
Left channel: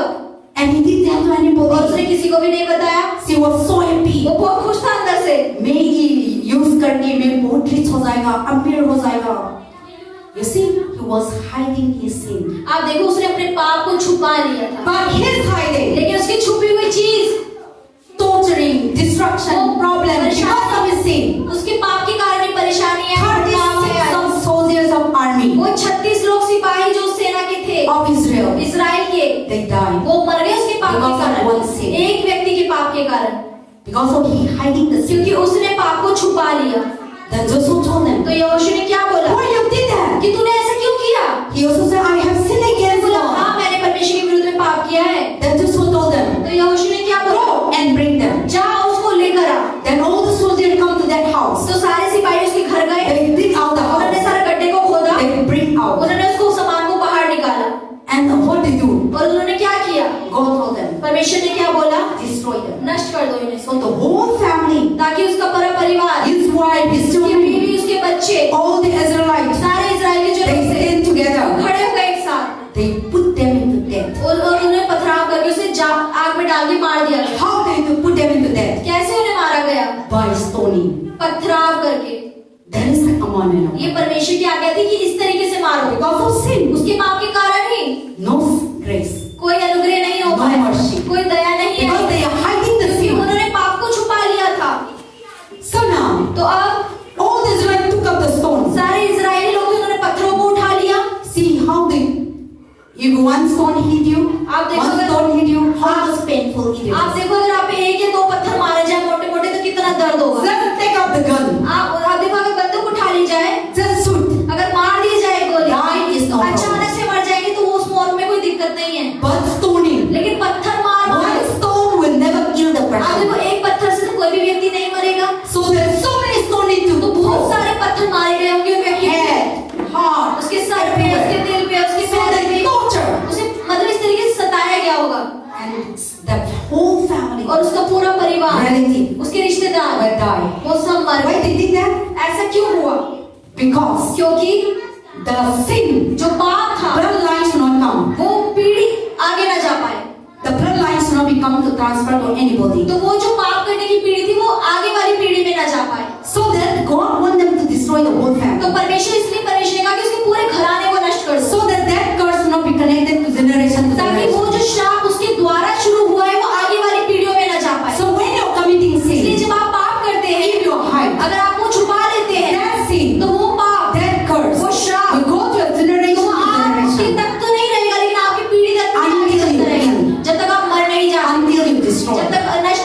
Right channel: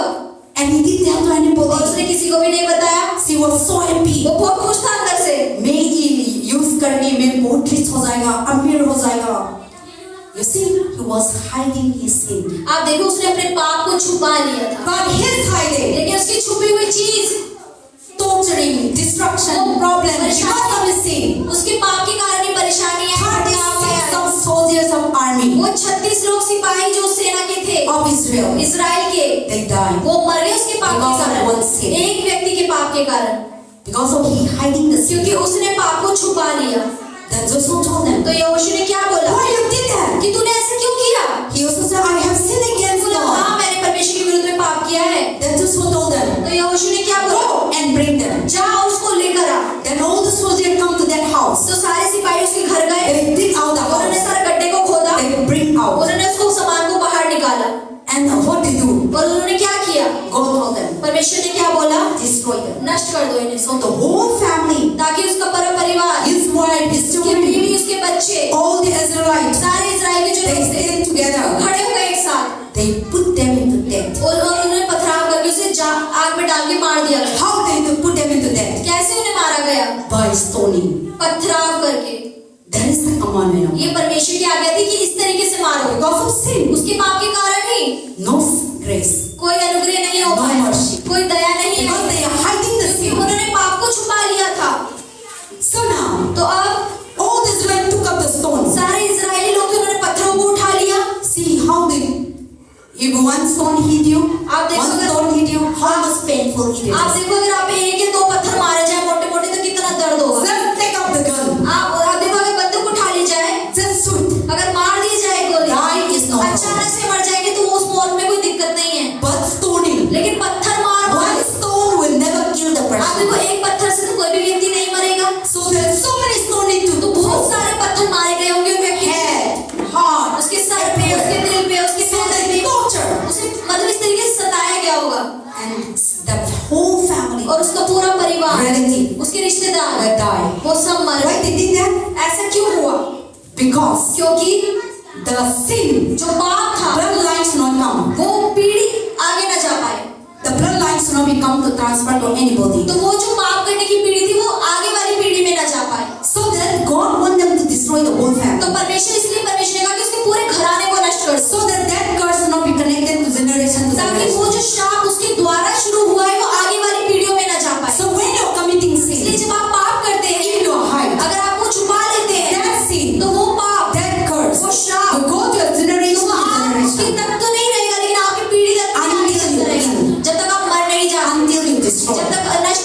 And he didn't tell to और anybody. उसने किसी को भी नहीं बताया। She was so happy. वो बहुत खुश था अंदर से। मैं ये यूज करके मैं बहुत रिच हो जाएगा, अमीर हो जाएगा. You see, he was hiding his sin. आप देखो उसने अपने पाप को छुपा लिया था। But his hiding, लेकिन उसकी छुपी हुई चीज torturing, destruction, problem, because of his sin. उसके पाप के कारण ही परेशानी है। 36 of soldiers of army वो 36 लोग सिपाही जो सेना के थे of Israel, इजराइल के they died वो मर गए उसके पाप के Because of कारण। one sin. एक व्यक्ति के पाप के कारण because of he hiding the sin. क्योंकि उसने पाप को छुपा लिया। Then Joshua told them, तो यहोशू ने क्या बोला why you did that? कि तूने ऐसा क्यों किया? He also said, I have sinned against बोला God. हाँ मैंने परमेश्वर के विरुद्ध में पाप किया है। Then Joshua told them, तो यहोशू ने क्या बोला go and bring them. जा उसको लेकर आ। Then all the soldiers come to that house. तो सारे सिपाही उसके घर गए। They dig out the उन्होंने house. सारे गड्ढे को खोदा। They bring out. उन्होंने उसको सामान को बाहर निकाला And what they do? और उन्होंने क्या किया? God told them, परमेश्वर ने क्या बोला? destroy them. नष्ट कर दो इन्हें। So the whole family, ताकि उसका पूरा परिवार, his wife, his उसकी children, बीवी, उसके बच्चे, all the Israelites, सारे इजराइल के जो they लोग थे stand together. खड़े हो गए एक साथ They put them into death. और उन्हें पथराव करके उसे आग में डाल के मार दिया गया। How they to put them into death? कैसे उन्हें मारा गया? By stoning. पथराव करके। That is the commandment of ये परमेश्वर की आज्ञा थी कि इस तरीके से मारो। because of sin. उसके पाप के कारण ही No grace. कोई अनुग्रह नहीं हो No पाया, mercy. कोई दया नहीं Because है, they are hiding the क्योंकि sin. उन्होंने पाप को छुपा लिया था। So now, तो अब all the Israelites took up the stones. सारे इजरायली लोग थे, उन्होंने पत्थरों को उठा लिया। See how they, if one stone hit you, आप देखो one अगर- stone hit you, how was painful it आप is. देखो अगर आप एक या दो पत्थर मारे जाए मोटे मोटे तो कितना दर्द होगा। Just take up the gun. आप देखो अगर बंदूक उठा ली जाए, Just shoot. अगर मार दी जाए गोली, Die is no अचानक से मर जाएगी तो उस मौत में कोई दिक्कत नहीं है। But stoning, लेकिन पत्थर मार one stone will never kill the आप person. देखो एक पत्थर से तो कोई भी व्यक्ति नहीं मरेगा। So there are so many stones तो to बहुत throw. सारे पत्थर मारे गए होंगे व्यक्ति के। Head, heart, उसके सर पे, उसके दिल पे, उसके so पैर they पे torture. उसे मतलब इस तरीके से सताया गया होगा And the whole family, और उसका पूरा परिवार, relative, उसके रिश्तेदार will die. वो सब मर Why गए। they did that? ऐसा क्यों हुआ? Because क्योंकि the sin, जो पाप था bloodlines should not come. वो पीढ़ी आगे न जा पाए। The bloodlines should not become to transfer to anybody. तो वो जो पाप करने की पीढ़ी थी वो आगे वाली पीढ़ी में न जा पाए। So that God want them to destroy the whole तो family. परमेश्वर इसलिए परमेश्वर ने कहा कि उसके पूरे घराने को नष्ट कर दो, So that that curse should not be connected to generation to ताकि generation. वो जो श्राप उसके द्वारा शुरू हुआ है वो आगे वाली पीढ़ियों में न जा पाए। So when you're committing इसलिए sin, जब आप पाप करते हैं, if you hide अगर आप वो छुपा लेते हैं that sin, तो वो पाप, that curse वो श्राप will go to a generation तो to आपके generation तक तो नहीं रहेगा लेकिन आपकी पीढ़ी तक Until you रहेगा, kill. जब तक आप मर नहीं जाते, until you जब destroy. तक नष्ट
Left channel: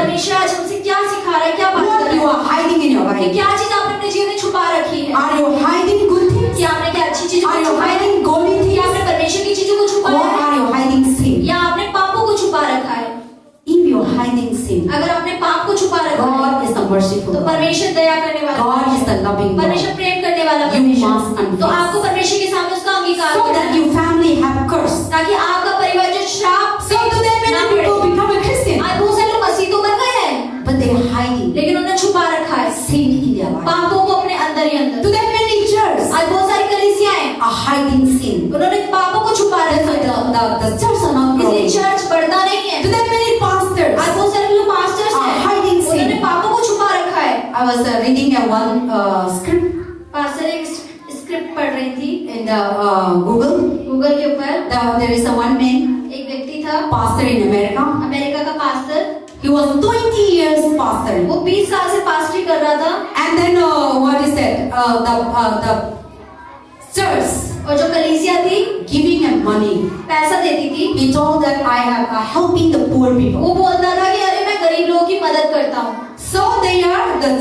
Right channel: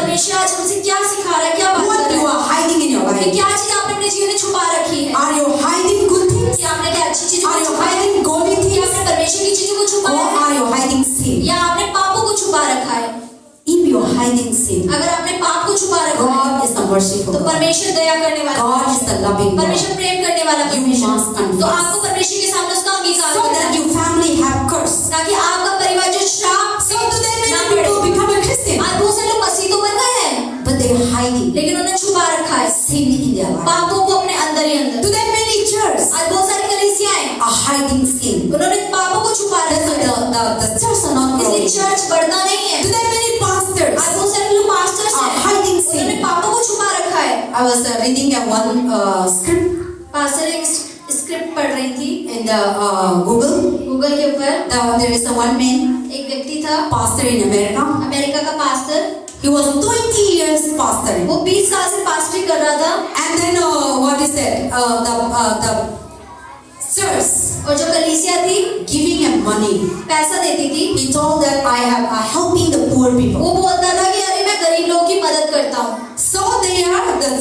परमेश्वर आज हमसे क्या सिखा रहा है, क्या बात What कर you रहा are hiding in your है? life? क्या चीज आपने अपने जीवन में छुपा रखी है? Are you hiding good things? क्या आपने क्या अच्छी चीजों Are को you छुपाया है? hiding godly क्या things? आपने परमेश्वर की चीजों को Or छुपाया है? are you hiding sin? या आपने पापों को छुपा रखा है? If you are hiding sin, अगर आपने पाप को छुपा रखा है God is the merciful तो God. परमेश्वर दया करने वाला God is the loving God. परमेश्वर प्रेम करने वाला You परमेश्वर। must confess. तो आपको परमेश्वर के सामने उसका अंगीकार So करना that है your family have curse. ताकि आपका परिवार जो श्राप So today ना many पड़े। people become a Christian, आज बहुत सारे लोग मसीह तो बन गए हैं but they are hiding लेकिन उन्होंने छुपा रखा है sin in their life. पापों को अपने अंदर ही अंदर। Today many churches आज बहुत सारी कलीसियाएं are hiding sin. उन्होंने पापों को छुपा That's रखा why है the church are not इसलिए growing. चर्च बढ़ता नहीं है। Today many pastors आज बहुत सारे लोग पास्टर्स are हैं hiding sin. उन्होंने पापों को छुपा रखा है। I was reading one script pastor एक स्क्रिप्ट पढ़ रही थी in the Google. गूगल के ऊपर। There is a one man एक व्यक्ति था pastor in America. अमेरिका का pastor, He was 20 years pastoring. वो 20 साल से पास्टरी कर रहा था And then what is that? The church और जो कलीसिया थी giving him money. पैसा देती थी। He told that I am helping the poor people. वो बोलता था कि अरे मैं गरीब लोगों की मदद करता हूँ। So the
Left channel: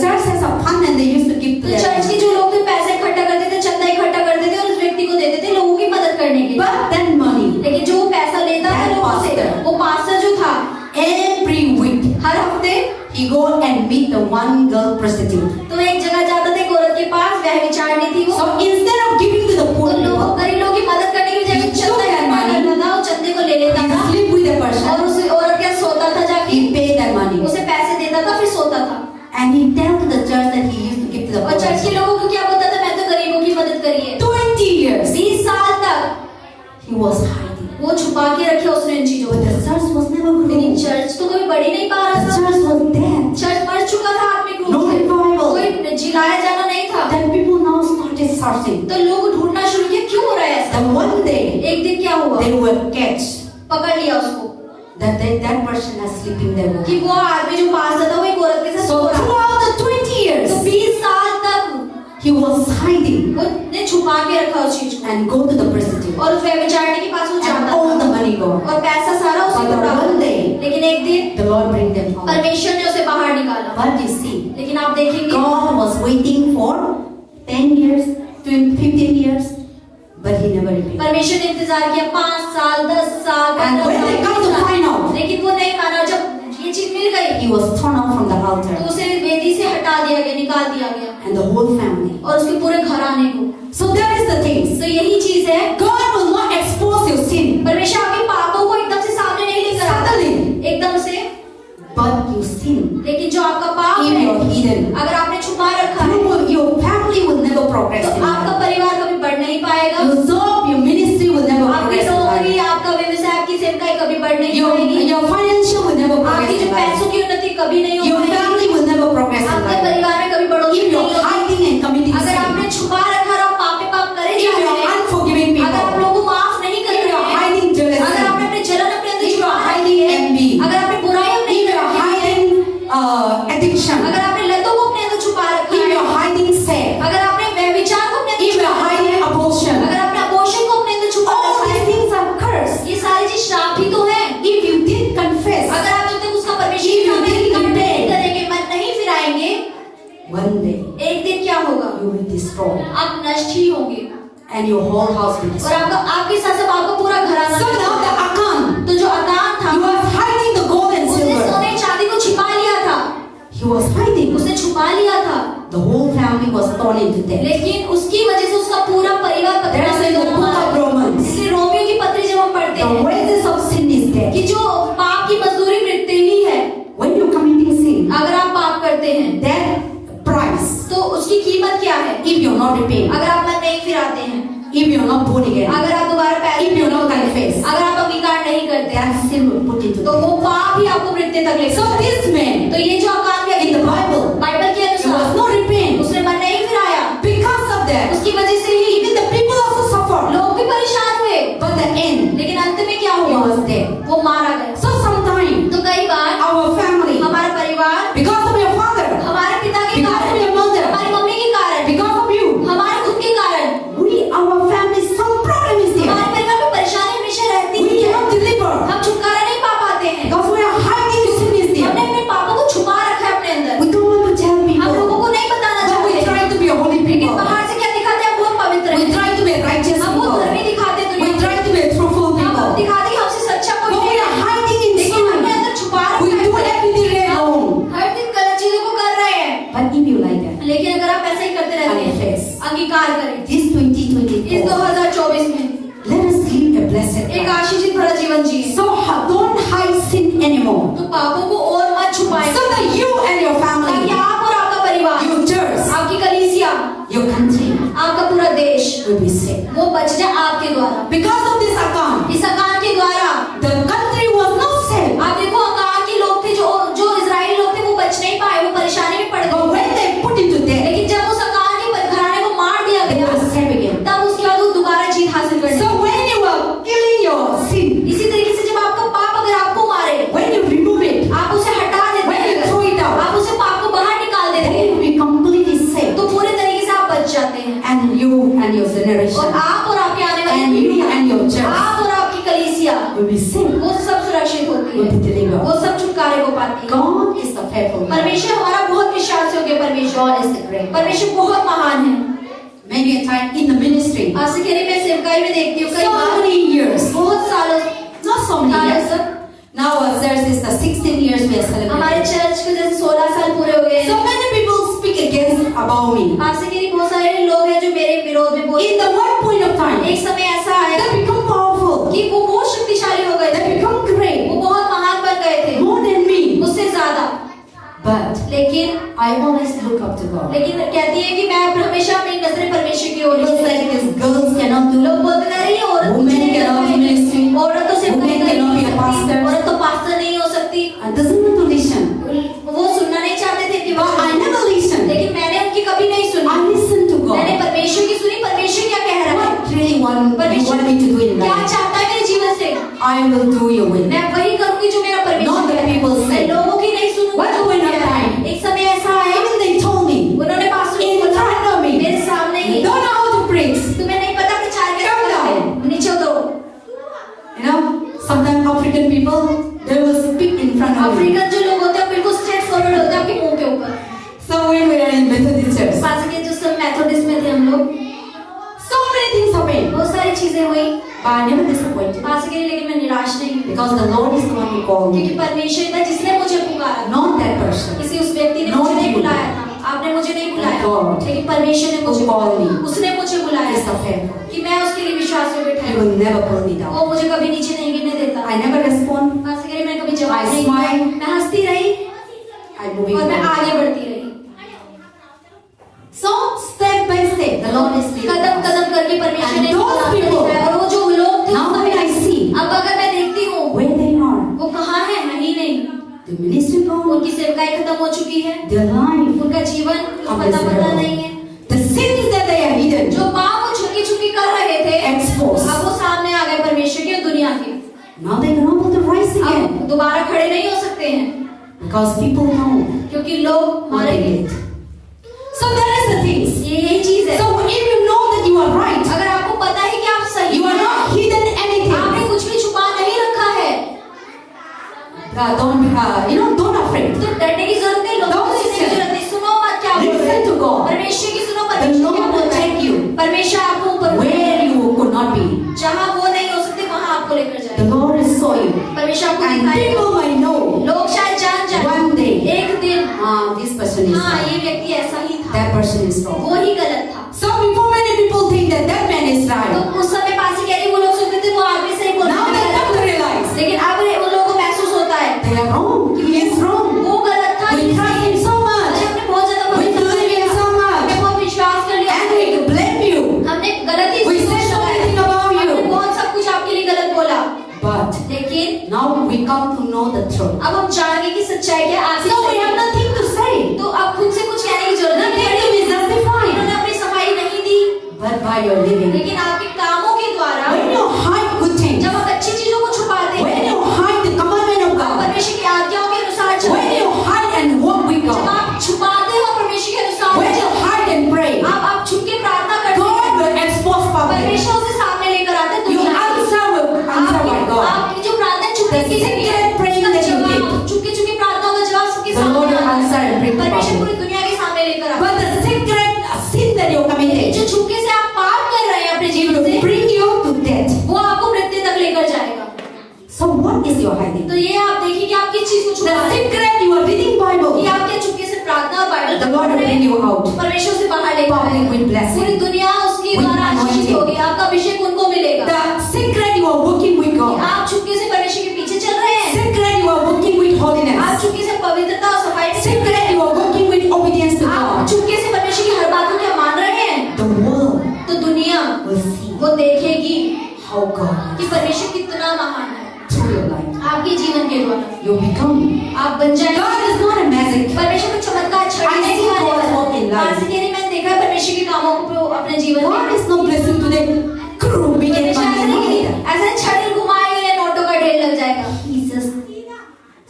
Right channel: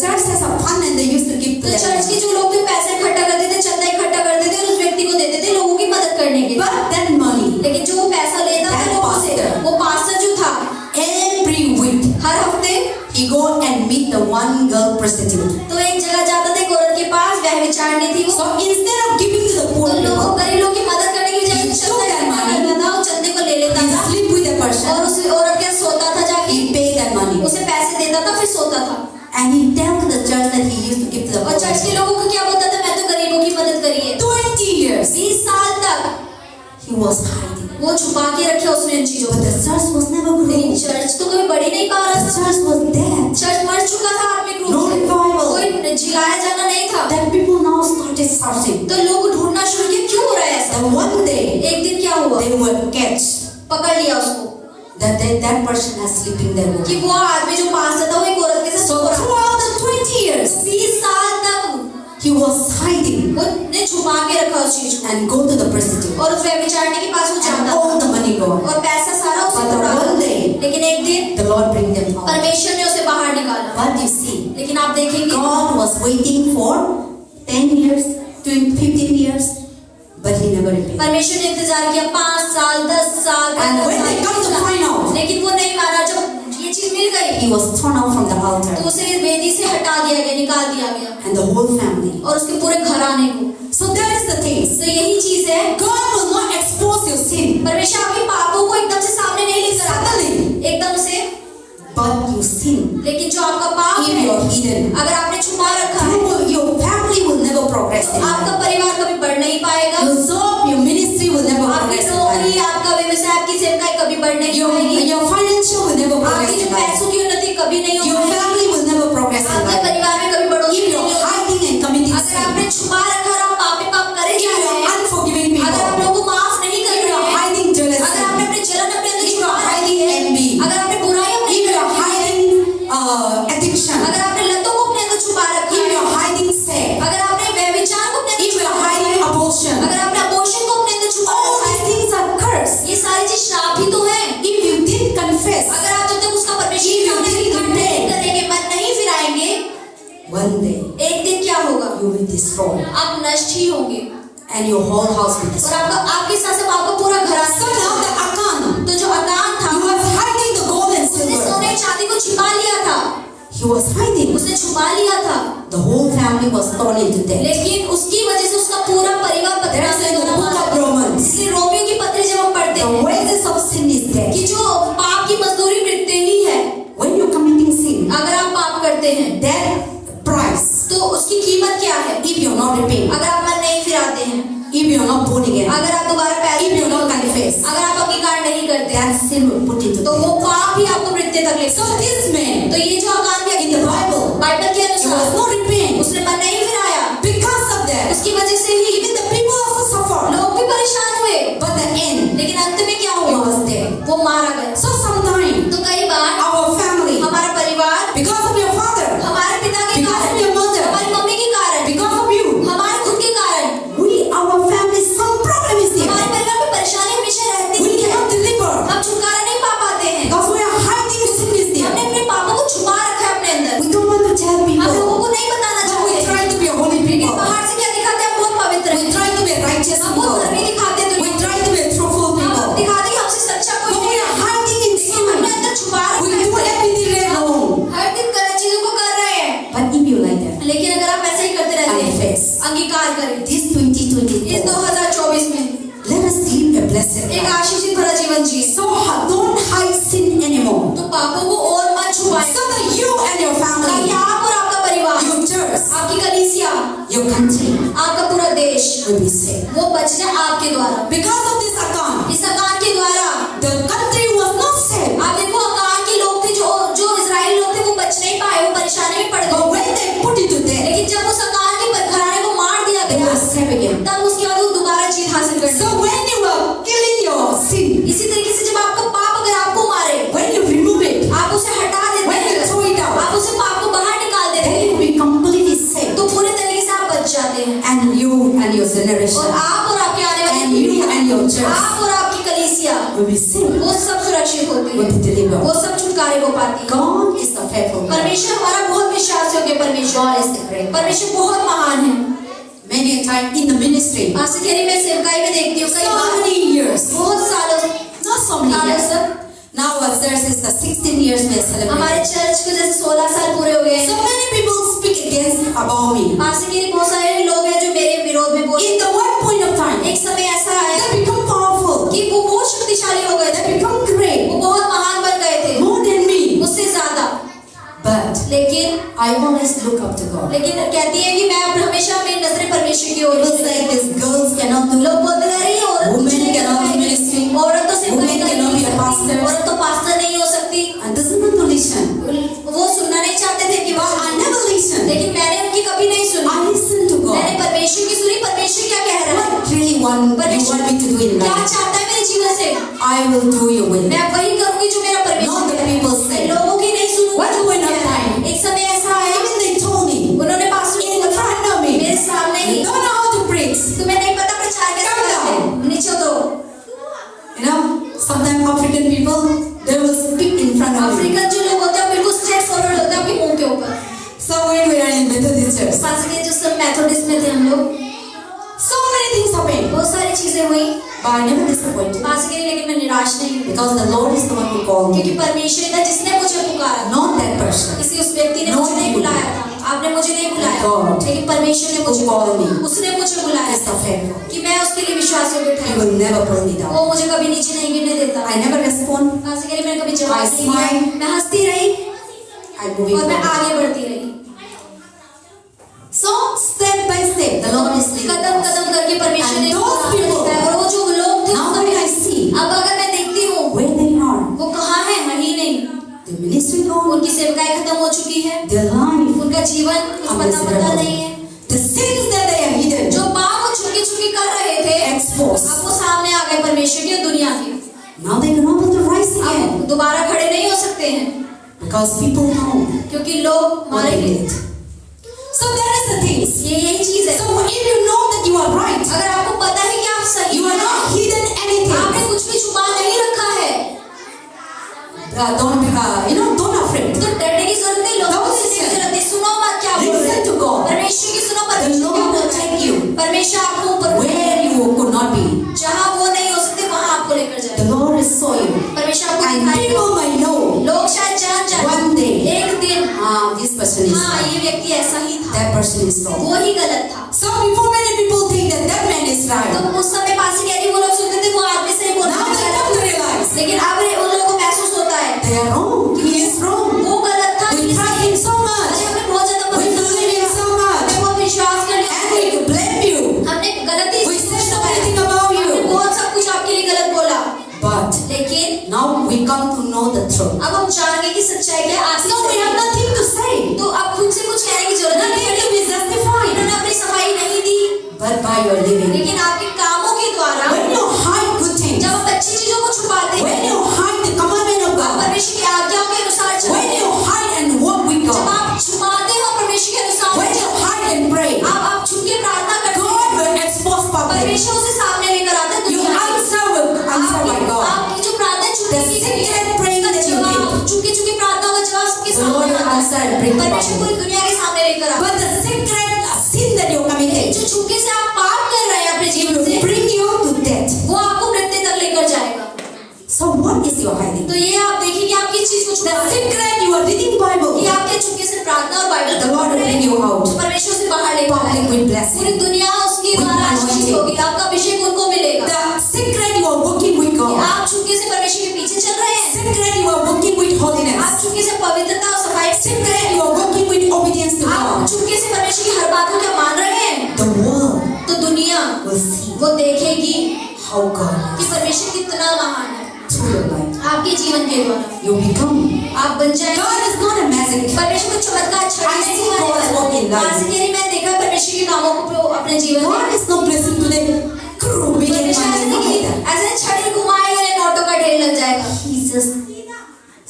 church has a fund and they used to give to तो चर्च them. के जो लोग थे पैसे इकट्ठा करते थे, चंदा इकट्ठा करते थे और उस व्यक्ति को देते थे लोगों की मदद करने के लिए। But that money, लेकिन जो वो पैसा लेता था लोगों से, वो पास्टर जो था every week, हर हफ्ते he go and meet the one girl prostitute. तो एक जगह जाता था एक औरत के पास, वह विचारनी थी वो। So instead of giving to the तो poor लोगों people, गरीब लोगों की मदद करने की बजाय चंदा इकट्ठा करता था, वो चंदे को ले लेता he था sleep with the person. और उस औरत के साथ सोता था जाके, He pay that money. उसे पैसे देता था फिर सोता था। And he tell to the church that he used to give to the और poor. चर्च के लोगों को क्या बोलता था, मैं तो गरीबों की मदद करी है। 20 years 20 साल तक he was hiding. वो छुपा के रखे उसने इन चीजों But को। the church was never लेकिन growing. चर्च तो कभी बढ़ ही नहीं पा रहा The था। church was dead. चर्च मर चुका था आत्मिक No रूप से, revival. कोई जिलाया जाना नहीं था। Then people now started searching. तो लोग ढूंढना शुरू किया क्यों हो रहा है ऐसा। And one day एक दिन क्या हुआ, they were catch पकड़ लिया उसको that person is sleeping there. कि वो आदमी जो पास था वो एक औरत के साथ सो So रहा था। throughout the 20 years तो 20 साल तक he was hiding उसने छुपा के रखा उस चीज को and go to the prostitute. और उस व्यभिचारिणी के पास वो And जाता all था the money gone. और पैसा सारा उसे But the उड़ा one day लेकिन एक दिन the Lord bring them home. परमेश्वर ने उसे बाहर निकाला। But you see, लेकिन आप देखेंगे God was waiting for 10 years, 15 years, but he never repaid. परमेश्वर ने इंतजार किया 5 साल 10 साल And when they come to find out, लेकिन वो नहीं माना। जब ये चीज मिल गई he was thrown out from the altar तो उसे वेदी से हटा दिया गया, निकाल दिया गया and the whole family. और उसके पूरे घराने को। So that is the thing. तो यही चीज है, God will not expose your sin, परमेश्वर आपके पापों को एकदम से सामने नहीं लेकर आता suddenly, एकदम से, but you sin. लेकिन जो आपका पाप If है you are hidden, अगर आपने छुपा रखा है your family will never progress तो in आपका life. परिवार कभी बढ़ नहीं पाएगा। Your job, your ministry will never आपकी progress in नौकरी, life. आपका व्यवसाय, आपकी सेवकाई कभी बढ़ नहीं Your पाएगी। financial will never progress आपकी जो in life. पैसों की उन्नति कभी नहीं Your होगी। family will never progress in आपके life. परिवार में कभी बढ़ोतरी If नहीं you are होगी। hiding and committing अगर sin, आपने छुपा रखा और आप पाप करे if जा you रहे are हैं, unforgiving अगर आप people, लोगों को माफ नहीं कर if you रहे are हैं, hiding अगर jealousy, आपने अपने जलन अपने अंदर if you छुपा are रखी hiding है, envy, अगर आपने बुराई अपने if you अंदर are रखी है, hiding addiction, अगर आपने लतों को अपने अंदर छुपा रखा if you है, are hiding sex, अगर आपने व्यभिचार को अपने if अंदर you are छुपा रखा है, hiding abortion, अगर आपने अबॉर्शन को अपने अंदर छुपा all रखा these है, things are cursed. ये सारी चीज श्राप ही तो है। If you didn't confess, अगर आप जब तक उसका परमेश्वर If के you सामने didn't रिकॉर्ड नहीं repent, करेंगे, मन नहीं फिराएंगे, one day एक दिन क्या होगा, you will destroy आप नष्ट ही होंगे and your whole house will और destroy. आपके साथ साथ आपका पूरा घराना। So now the Achan, तो जो अकान था he was hiding the gold and उसने silver. सोने चांदी को छिपा लिया था, He was hiding. उसने छुपा लिया था, The whole family was thrown into debt. लेकिन उसकी वजह से उसका पूरा परिवार There पत्थर is में in the डूबा book मारा। of Romans, इसलिए रोमियो की पत्री जब हम पढ़ते the हैं wages of sin is death. कि जो पाप की मजदूरी मृत्यु ही है। When you're committing sin, अगर आप पाप करते हैं that price, तो उसकी कीमत क्या है, if you're not repenting, अगर आप मन नहीं फिराते हैं, if you're not born again, अगर आप दोबारा पैदा if you're नहीं not होते, confessed, अगर आप अंगीकार नहीं करते, that sin will put into तो death. वो पाप ही आपको मृत्यु तक ले So सकता है। this man, तो ये जो अकान in व्यक्ति the था, Bible, बाइबल के he was अनुसार not repent. उसने मन नहीं फिराया, Because of that, उसकी वजह से ही even the people also suffered. लोग भी परेशान हुए, But the end, लेकिन अंत में क्या he हुआ, was dead. वो मारा गया। So sometimes तो कई बार our family, हमारा परिवार because of your father, हमारे पिता के because of कारण, your mother, हमारी मम्मी के कारण, because of you, हमारे खुद के कारण, our family, some problem is there. हमारे your country आपका पूरा देश will be saved. वो बच जाए आपके द्वारा। Because of this account, इस अकान के द्वारा the country was not saved. आप देखो अकान के लोग थे जो इजराइली लोग थे वो बच नहीं पाए, वो परेशानी में पड़ But गए। when they put it to death, लेकिन जब उस अकान के घराने को मार दिया they गया were saved again. तब उसके बाद वो दोबारा जीत हासिल कर So when you are killing your sin, इसी तरीके से जब आपका पाप अगर आपको मारे, when you remove it, आप उसे हटा देते when you हैं, throw it out, आप उसे पाप को बाहर निकाल देते then हैं, you will be completely saved. तो पूरे तरीके से आप बच जाते हैं। And you and your और generation, आप और आपके आने वाली and you पीढ़ियां, and your church आप और आपकी कलीसिया will be saved, वो सब सुरक्षित होती will है, be delivered. वो सब छुटकारे को पाती है। God is the faithful God. परमेश्वर हमारा बहुत विश्वास योग्य परमेश्वर God is the great God. परमेश्वर बहुत महान है। Many a time in the ministry, Asif कह रही मैं सेवकाई में देखती हूँ कई so बार many years, बहुत सालों not so many years. Now ourselves is the 16 years we are हमारे celebrating. चर्च को जैसे 16 साल पूरे हो गए So हैं। many people speak against about me. Asif कह रही बहुत सारे लोग हैं जो मेरे विरोध में बोलते In the one point of time, हैं। एक समय ऐसा आया they become powerful. कि वो बहुत शक्तिशाली हो गए They थे, become great, वो बहुत महान बन गए थे more than me. मुझसे ज्यादा। But लेकिन I always look up to God. कहती है कि मैं हमेशा अपनी नजरें परमेश्वर की ओर People say these girls cannot do. लोग बोलते रहे ये औरत Women कुछ नहीं कर cannot be सकती, ministry. औरत तो सिर्फ Women cannot be a pastor. औरत तो पास्टर नहीं हो सकती। I doesn't want to listen. वो सुनना नहीं चाहते थे कि But I never listen. लेकिन मैंने उनकी कभी नहीं सुनी। I listen to मैंने God. परमेश्वर की सुनी, परमेश्वर क्या कह रहा है, What really want me to do in क्या life? चाहता है मेरे जीवन से, I will do your will. मैं वही करूंगी जो मेरा Not परमेश्वर the कह रहा है। people say. मैं लोगों की नहीं सुनूंगा What जो point कह of रहा है। time? एक समय ऐसा आया Even they told me, उन्होंने पास्टर in को front of me, मेरे सामने ही, you don't know how to preach. तुम्हें नहीं पता प्रचार कैसे Come करते हैं, down. नीचे उतरो। You know, sometimes African people, they will speak in front of me. African जो लोग होते हैं बिल्कुल स्ट्रेट फॉरवर्ड होते हैं आपके मुंह के ऊपर। So when we are in Methodist church, पास के जो सब मेथोडिस्ट में थे हम लोग, so many things happen. बहुत सारी चीजें हुई But I never disappointed. पास के लिए, लेकिन मैं निराश नहीं हुई Because the Lord is the one who called क्योंकि me. परमेश्वर था जिसने मुझे पुकारा, Not that person. किसी उस व्यक्ति ने मुझे नहीं बुलाया था, आपने मुझे नहीं बुलाया, God लेकिन परमेश्वर ने मुझे called me. उसने मुझे बुलाया Is the faithful. कि मैं उसके लिए विश्वास योग्य He ठहरूं। will never pull me down. वो मुझे कभी नीचे नहीं गिरने देता। I never respond. पास के लिए मैंने कभी जवाब I नहीं दिया, smile. मैं हंसती रही I move और मैं on. आगे बढ़ती रही। So step by step, the Lord is leading Kadam us. कदम करके परमेश्वर ने And those रास्ता people, दिखाया। और वो जो लोग थे Now उस when समय, I see अब अगर मैं देखती हूँ where they are, वो कहाँ है, नहीं नहीं, the ministry gone, उनकी सेवकाई खत्म हो चुकी है, their life, उनका जीवन कुछ अब पता मिserable. नहीं है। the sins that they have hidden, जो पाप वो छुपी छुपी कर रहे थे exposed. अब वो सामने आ गए परमेश्वर की और दुनिया की। Now they cannot able to rise again अब दोबारा खड़े नहीं हो सकते हैं because people know क्योंकि लोग what मारे they गए। did. So that is the things. ये यही चीज है। So if you know that you are right, अगर आपको पता है कि आप सही you are हैं, not hidden anything. आपने कुछ भी छुपा नहीं रखा है, Don't afraid. तो डरने की जरूरत नहीं, लोगों Don't को सुनने की listen. जरूरत नहीं। सुनो मत क्या बोल रहे Listen हैं, to God. परमेश्वर की सुनो, The परमेश्वर क्या Lord बोल will रहा है। take you परमेश्वर आपको ऊपर where you could not be. जहाँ वो नहीं हो सकते वहाँ आपको लेकर The जाए। Lord is so you. परमेश्वर आपको And दिखाएगा। people might know लोग शायद जान जाए one day, एक दिन, this person is हाँ right. ये व्यक्ति ऐसा ही था, That person is wrong. वो ही गलत था। So before many people think that that man is तो right, उस समय पासी कह रही वो लोग सुनते थे वो आदमी सही बोल now रहा they है, come to realize लेकिन अब उन लोगों को महसूस होता है they are wrong. He is wrong. वो गलत था। We trust him so much. अरे हमने बहुत ज्यादा We believe him so much. हमने बहुत विश्वास कर लिया, And we blame you. हमने गलती We said so many things about हमने you. बहुत सब कुछ आपके लिए गलत बोला, But लेकिन now we come to know the truth. अब हम जान गए कि सच्चाई क्या है। So we have nothing to say. तो अब खुद से कुछ कहने की जरूरत नहीं Nothing to है। be justified. इन्होंने अपनी सफाई नहीं दी, But by your living. लेकिन आपके कामों के द्वारा When you hide good things, जब आप अच्छी चीजों को छुपाते when हैं, you hide the commandment of God, परमेश्वर की आज्ञाओं के अनुसार when चलते you हैं, hide and walk with जब God, आप छुपाते हो परमेश्वर के अनुसार when you चलते hide and pray, हैं, आप छुप के प्रार्थना करते God हैं, will expose public. परमेश्वर उसे सामने लेकर आता है। You दुनिया की answer by God. आपकी जो प्रार्थना चुपके The की गई है, secret praying उसका that you जवाब, give. चुपके चुपके प्रार्थनाओं का जवाब सबके The Lord सामने will आता answer and है। bring the परमेश्वर public. पूरी दुनिया के सामने लेकर आता But the secret sin that you committed, है। जो छुपके से आप पाप कर रहे हैं अपने it जीवन will से, bring you to death. वो आपको मृत्यु तक लेकर जाएगा। So what is your hiding? तो ये आप देखिए कि आप किस चीज को The छुपा रहे हैं। secret you are reading Bible. ये आपके चुपके से प्रार्थना और Bible The Lord will bring you out. परमेश्वर से बाहर लेकर Public आएगा। with पूरी blessing. दुनिया उसकी With द्वारा आशीषित anointing. होगी, आपका अभिषेक उनको मिलेगा। The secret you are working with God. आप चुपके से परमेश्वर के पीछे चल रहे हैं, Secret you are working with आप holiness. चुपके से पवित्रता और सफाई से Secret you are working with obedience to आप God. चुपके से परमेश्वर की हर बात को क्या मान रहे हैं, You become. आप बन जाएंगे। God is not a magic. परमेश्वर को चमत्कार छड़ी I नहीं see दिखाने God's work in वाला। life. आज के दिन मैं देखा परमेश्वर के कामों को अपने जीवन में। God is not blessing today. Crew, we get परमेश्वर ऐसा नहीं money. कि ऐसा छड़ी घुमाएंगे और नोटों का ढेर लग जाएगा। He's just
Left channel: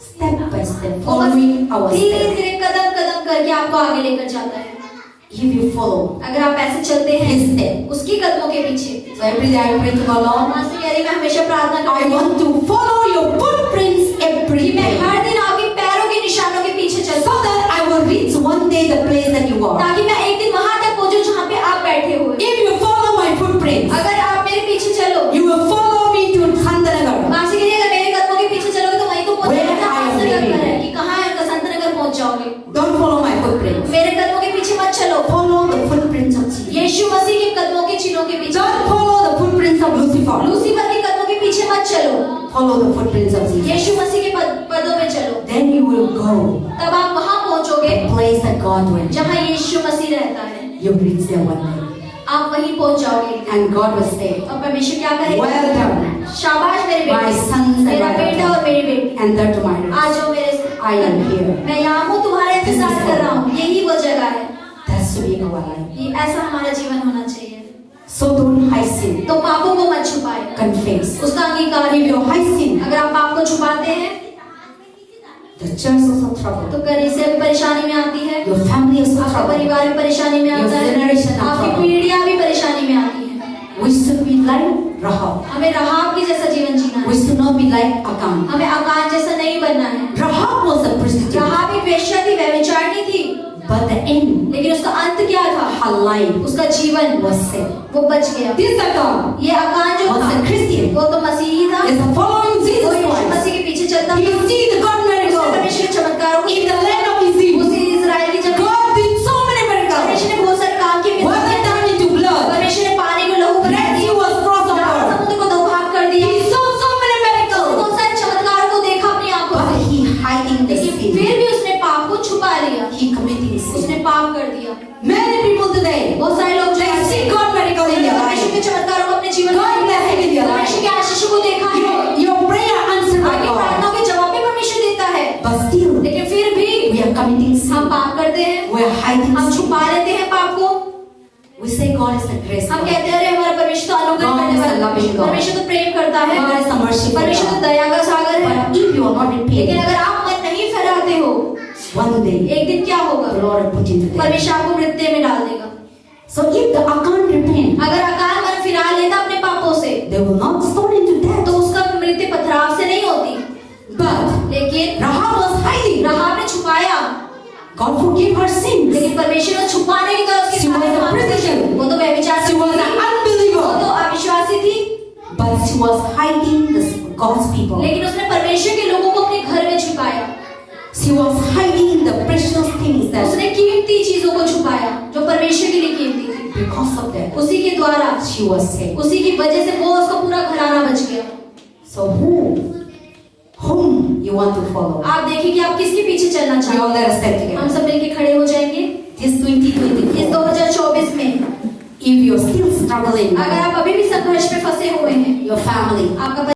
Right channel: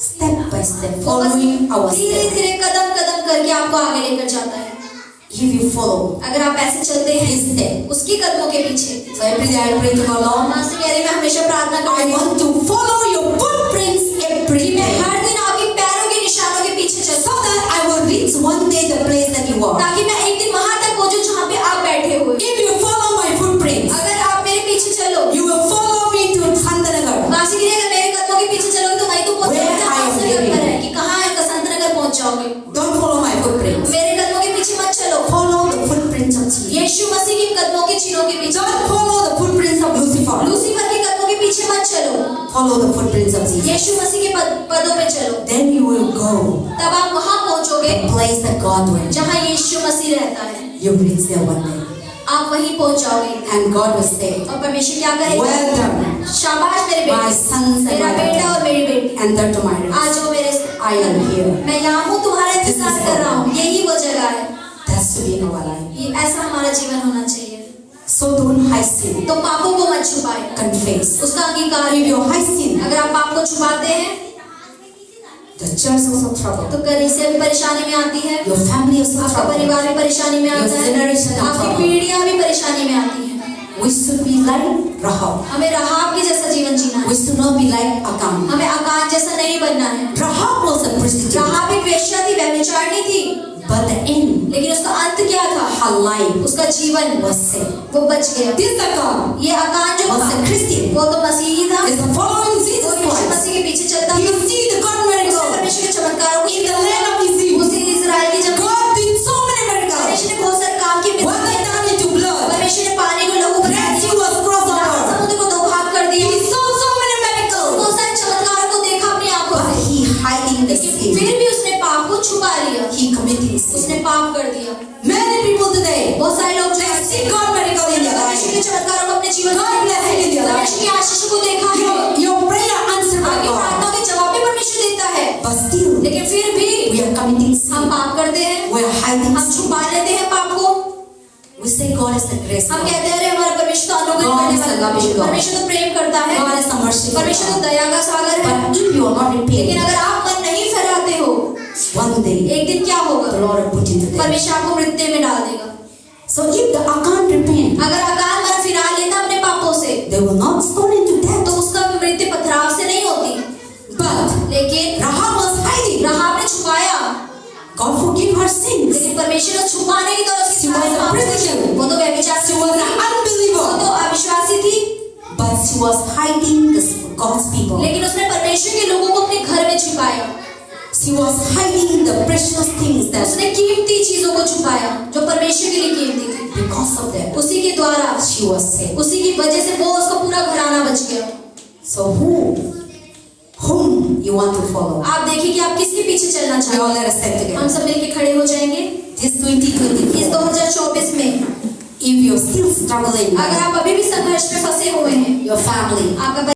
step by step following our धीरे steps. धीरे कदम कदम करके आपको आगे लेकर जाता है। If you follow अगर आप ऐसे चलते हैं His step. उसकी कदमों के पीछे। So every day I pray to the Lord. माँ से कह रही मैं हमेशा प्रार्थना I करती हूँ want to follow your footprints every कि मैं day. हर दिन आपके पैरों के निशानों के पीछे So चलूं that I will reach one day the place that you are. ताकि मैं एक दिन वहां तक पहुंचूं जहां पे आप बैठे हुए। If you follow my footprints, अगर आप मेरे पीछे चलो you will follow me to Santanagar. माँ से कह रही अगर मेरे कदमों के पीछे चलोगे तो वहीं तो पहुंच Where जाओगे जहाँ I am संतनगर living. पर है कि कहाँ है संतनगर पहुंच जाओगे। Don't follow my footprints. मेरे कदमों के पीछे मत चलो। Follow the footprints of Jesus. यीशु मसीह के कदमों के चिन्हों के पीछे Don't follow the footprints of Lucifer. Lucifer के कदमों के पीछे मत चलो। Follow the footprints of Jesus. यीशु मसीह के पदों में चलो। Then you will go तब आप वहां पहुंचोगे the place that God went. जहां यीशु मसीह रहता है। You reach there one day. आप वहीं पहुंच जाओगे And God will say, और परमेश्वर क्या करेगा? well done, शाबाश मेरे my बेटे, sons and मेरा my बेटा daughters. और मेरी बेटी। Enter to my rest. आज जो मेरे I am here. मैं यहाँ हूँ तुम्हारा इंतजार कर रहा हूँ। यही वो जगह है। That's to be in our life. ये ऐसा हमारा जीवन होना चाहिए। So don't hide sin. तो पापों को मत छुपाए, Confess. उसका अंगीकार If करो। you hide sin, अगर आप पाप को छुपाते हैं the church is also trouble. तो कलीसिया भी परेशानी में आती है, Your family is also आपका trouble. परिवार भी परेशानी में आता Your है, generation is आपकी trouble. पीढ़ियां भी परेशानी में आती हैं। We should be like Rahab. हमें राहाब के जैसा जीवन जीना We है। should not be like Achan. हमें आकान जैसा नहीं बनना है। Rahab was a prostitute. राहाब एक वेश्या थी, व्यभिचारिणी थी, But the end, लेकिन उसका अंत क्या था? her life उसका जीवन was saved. वो बच गया। This Achan ये आकान जो was था a Christian. वो तो मसीही था, Is following वो Jesus यीशु Christ. मसीह के पीछे चलता You था। see the God उसने miracle. परमेश्वर के चमत्कारों को In the land of Israel, उसी इजराइल की जमीन God did so many miracles. परमेश्वर ने बहुत सारे काम किए। Water turned into blood. परमेश्वर ने पानी को लहू बना Red दिया, Sea was crossed Lal over. समुद्र को दो भाग कर दिया। He saw so many miracles. बहुत सारे चमत्कारों को देखा अपनी आंखों But से, he hiding the लेकिन sin. फिर भी उसने पाप को छुपा लिया, He committing sin. उसने पाप कर दिया। Many people today, बहुत सारे लोग they see God miracle in their परमेश्वर के life. चमत्कारों को अपने जीवन God blessing in their life. परमेश्वर के आशीष को देखा है, Your prayer answered by आपकी God. प्रार्थनाओं के जवाब भी परमेश्वर देता है, But still, लेकिन फिर भी we are committing हम sin. पाप करते हैं, We are hiding हम sin. छुपा लेते हैं पाप को। We say God is the grace. हम God. कहते हैं अरे हमारा परमेश्वर तो अनुग्रह God करने is a वाला loving God. परमेश्वर तो प्रेम करता है, God is a merciful परमेश्वर तो God. दया का सागर है। But if you are not लेकिन repentant, अगर आप मन नहीं फैलाते हो, one day एक दिन क्या होगा? the Lord will put you to death. परमेश्वर आपको मृत्यु में डाल देगा। So if the Achan repent, अगर अकाल मन फिरा लेता अपने पापों से, they will not stone him to death. तो उसका मृत्यु पथराव से नहीं होती, But लेकिन Rahab was hiding. राहाब ने छुपाया, God forgive her sins. लेकिन परमेश्वर ने छुपा नहीं था उसके She was सारे a पाप। prostitute. वो तो व्यभिचार She was an वो unbeliever. तो अविश्वासी थी, But she was hiding God's people. लेकिन उसने परमेश्वर के लोगों को अपने घर में छुपाया। She was hiding the precious things that उसने कीमती चीजों को छुपाया जो परमेश्वर के लिए कीमती थी। because of that उसी के द्वारा, she was saved. उसी की वजह से वो उसका पूरा घराना बच गया। So whom you want to follow? आप देखिए कि आप किसके पीछे चलना We चाहते all हैं। let us stand together. हम सब मिलके खड़े हो जाएंगे। This इस 2024. 2024 में If you're still struggling, अगर आप अभी भी संघर्ष में फंसे हुए हैं, your family, आपका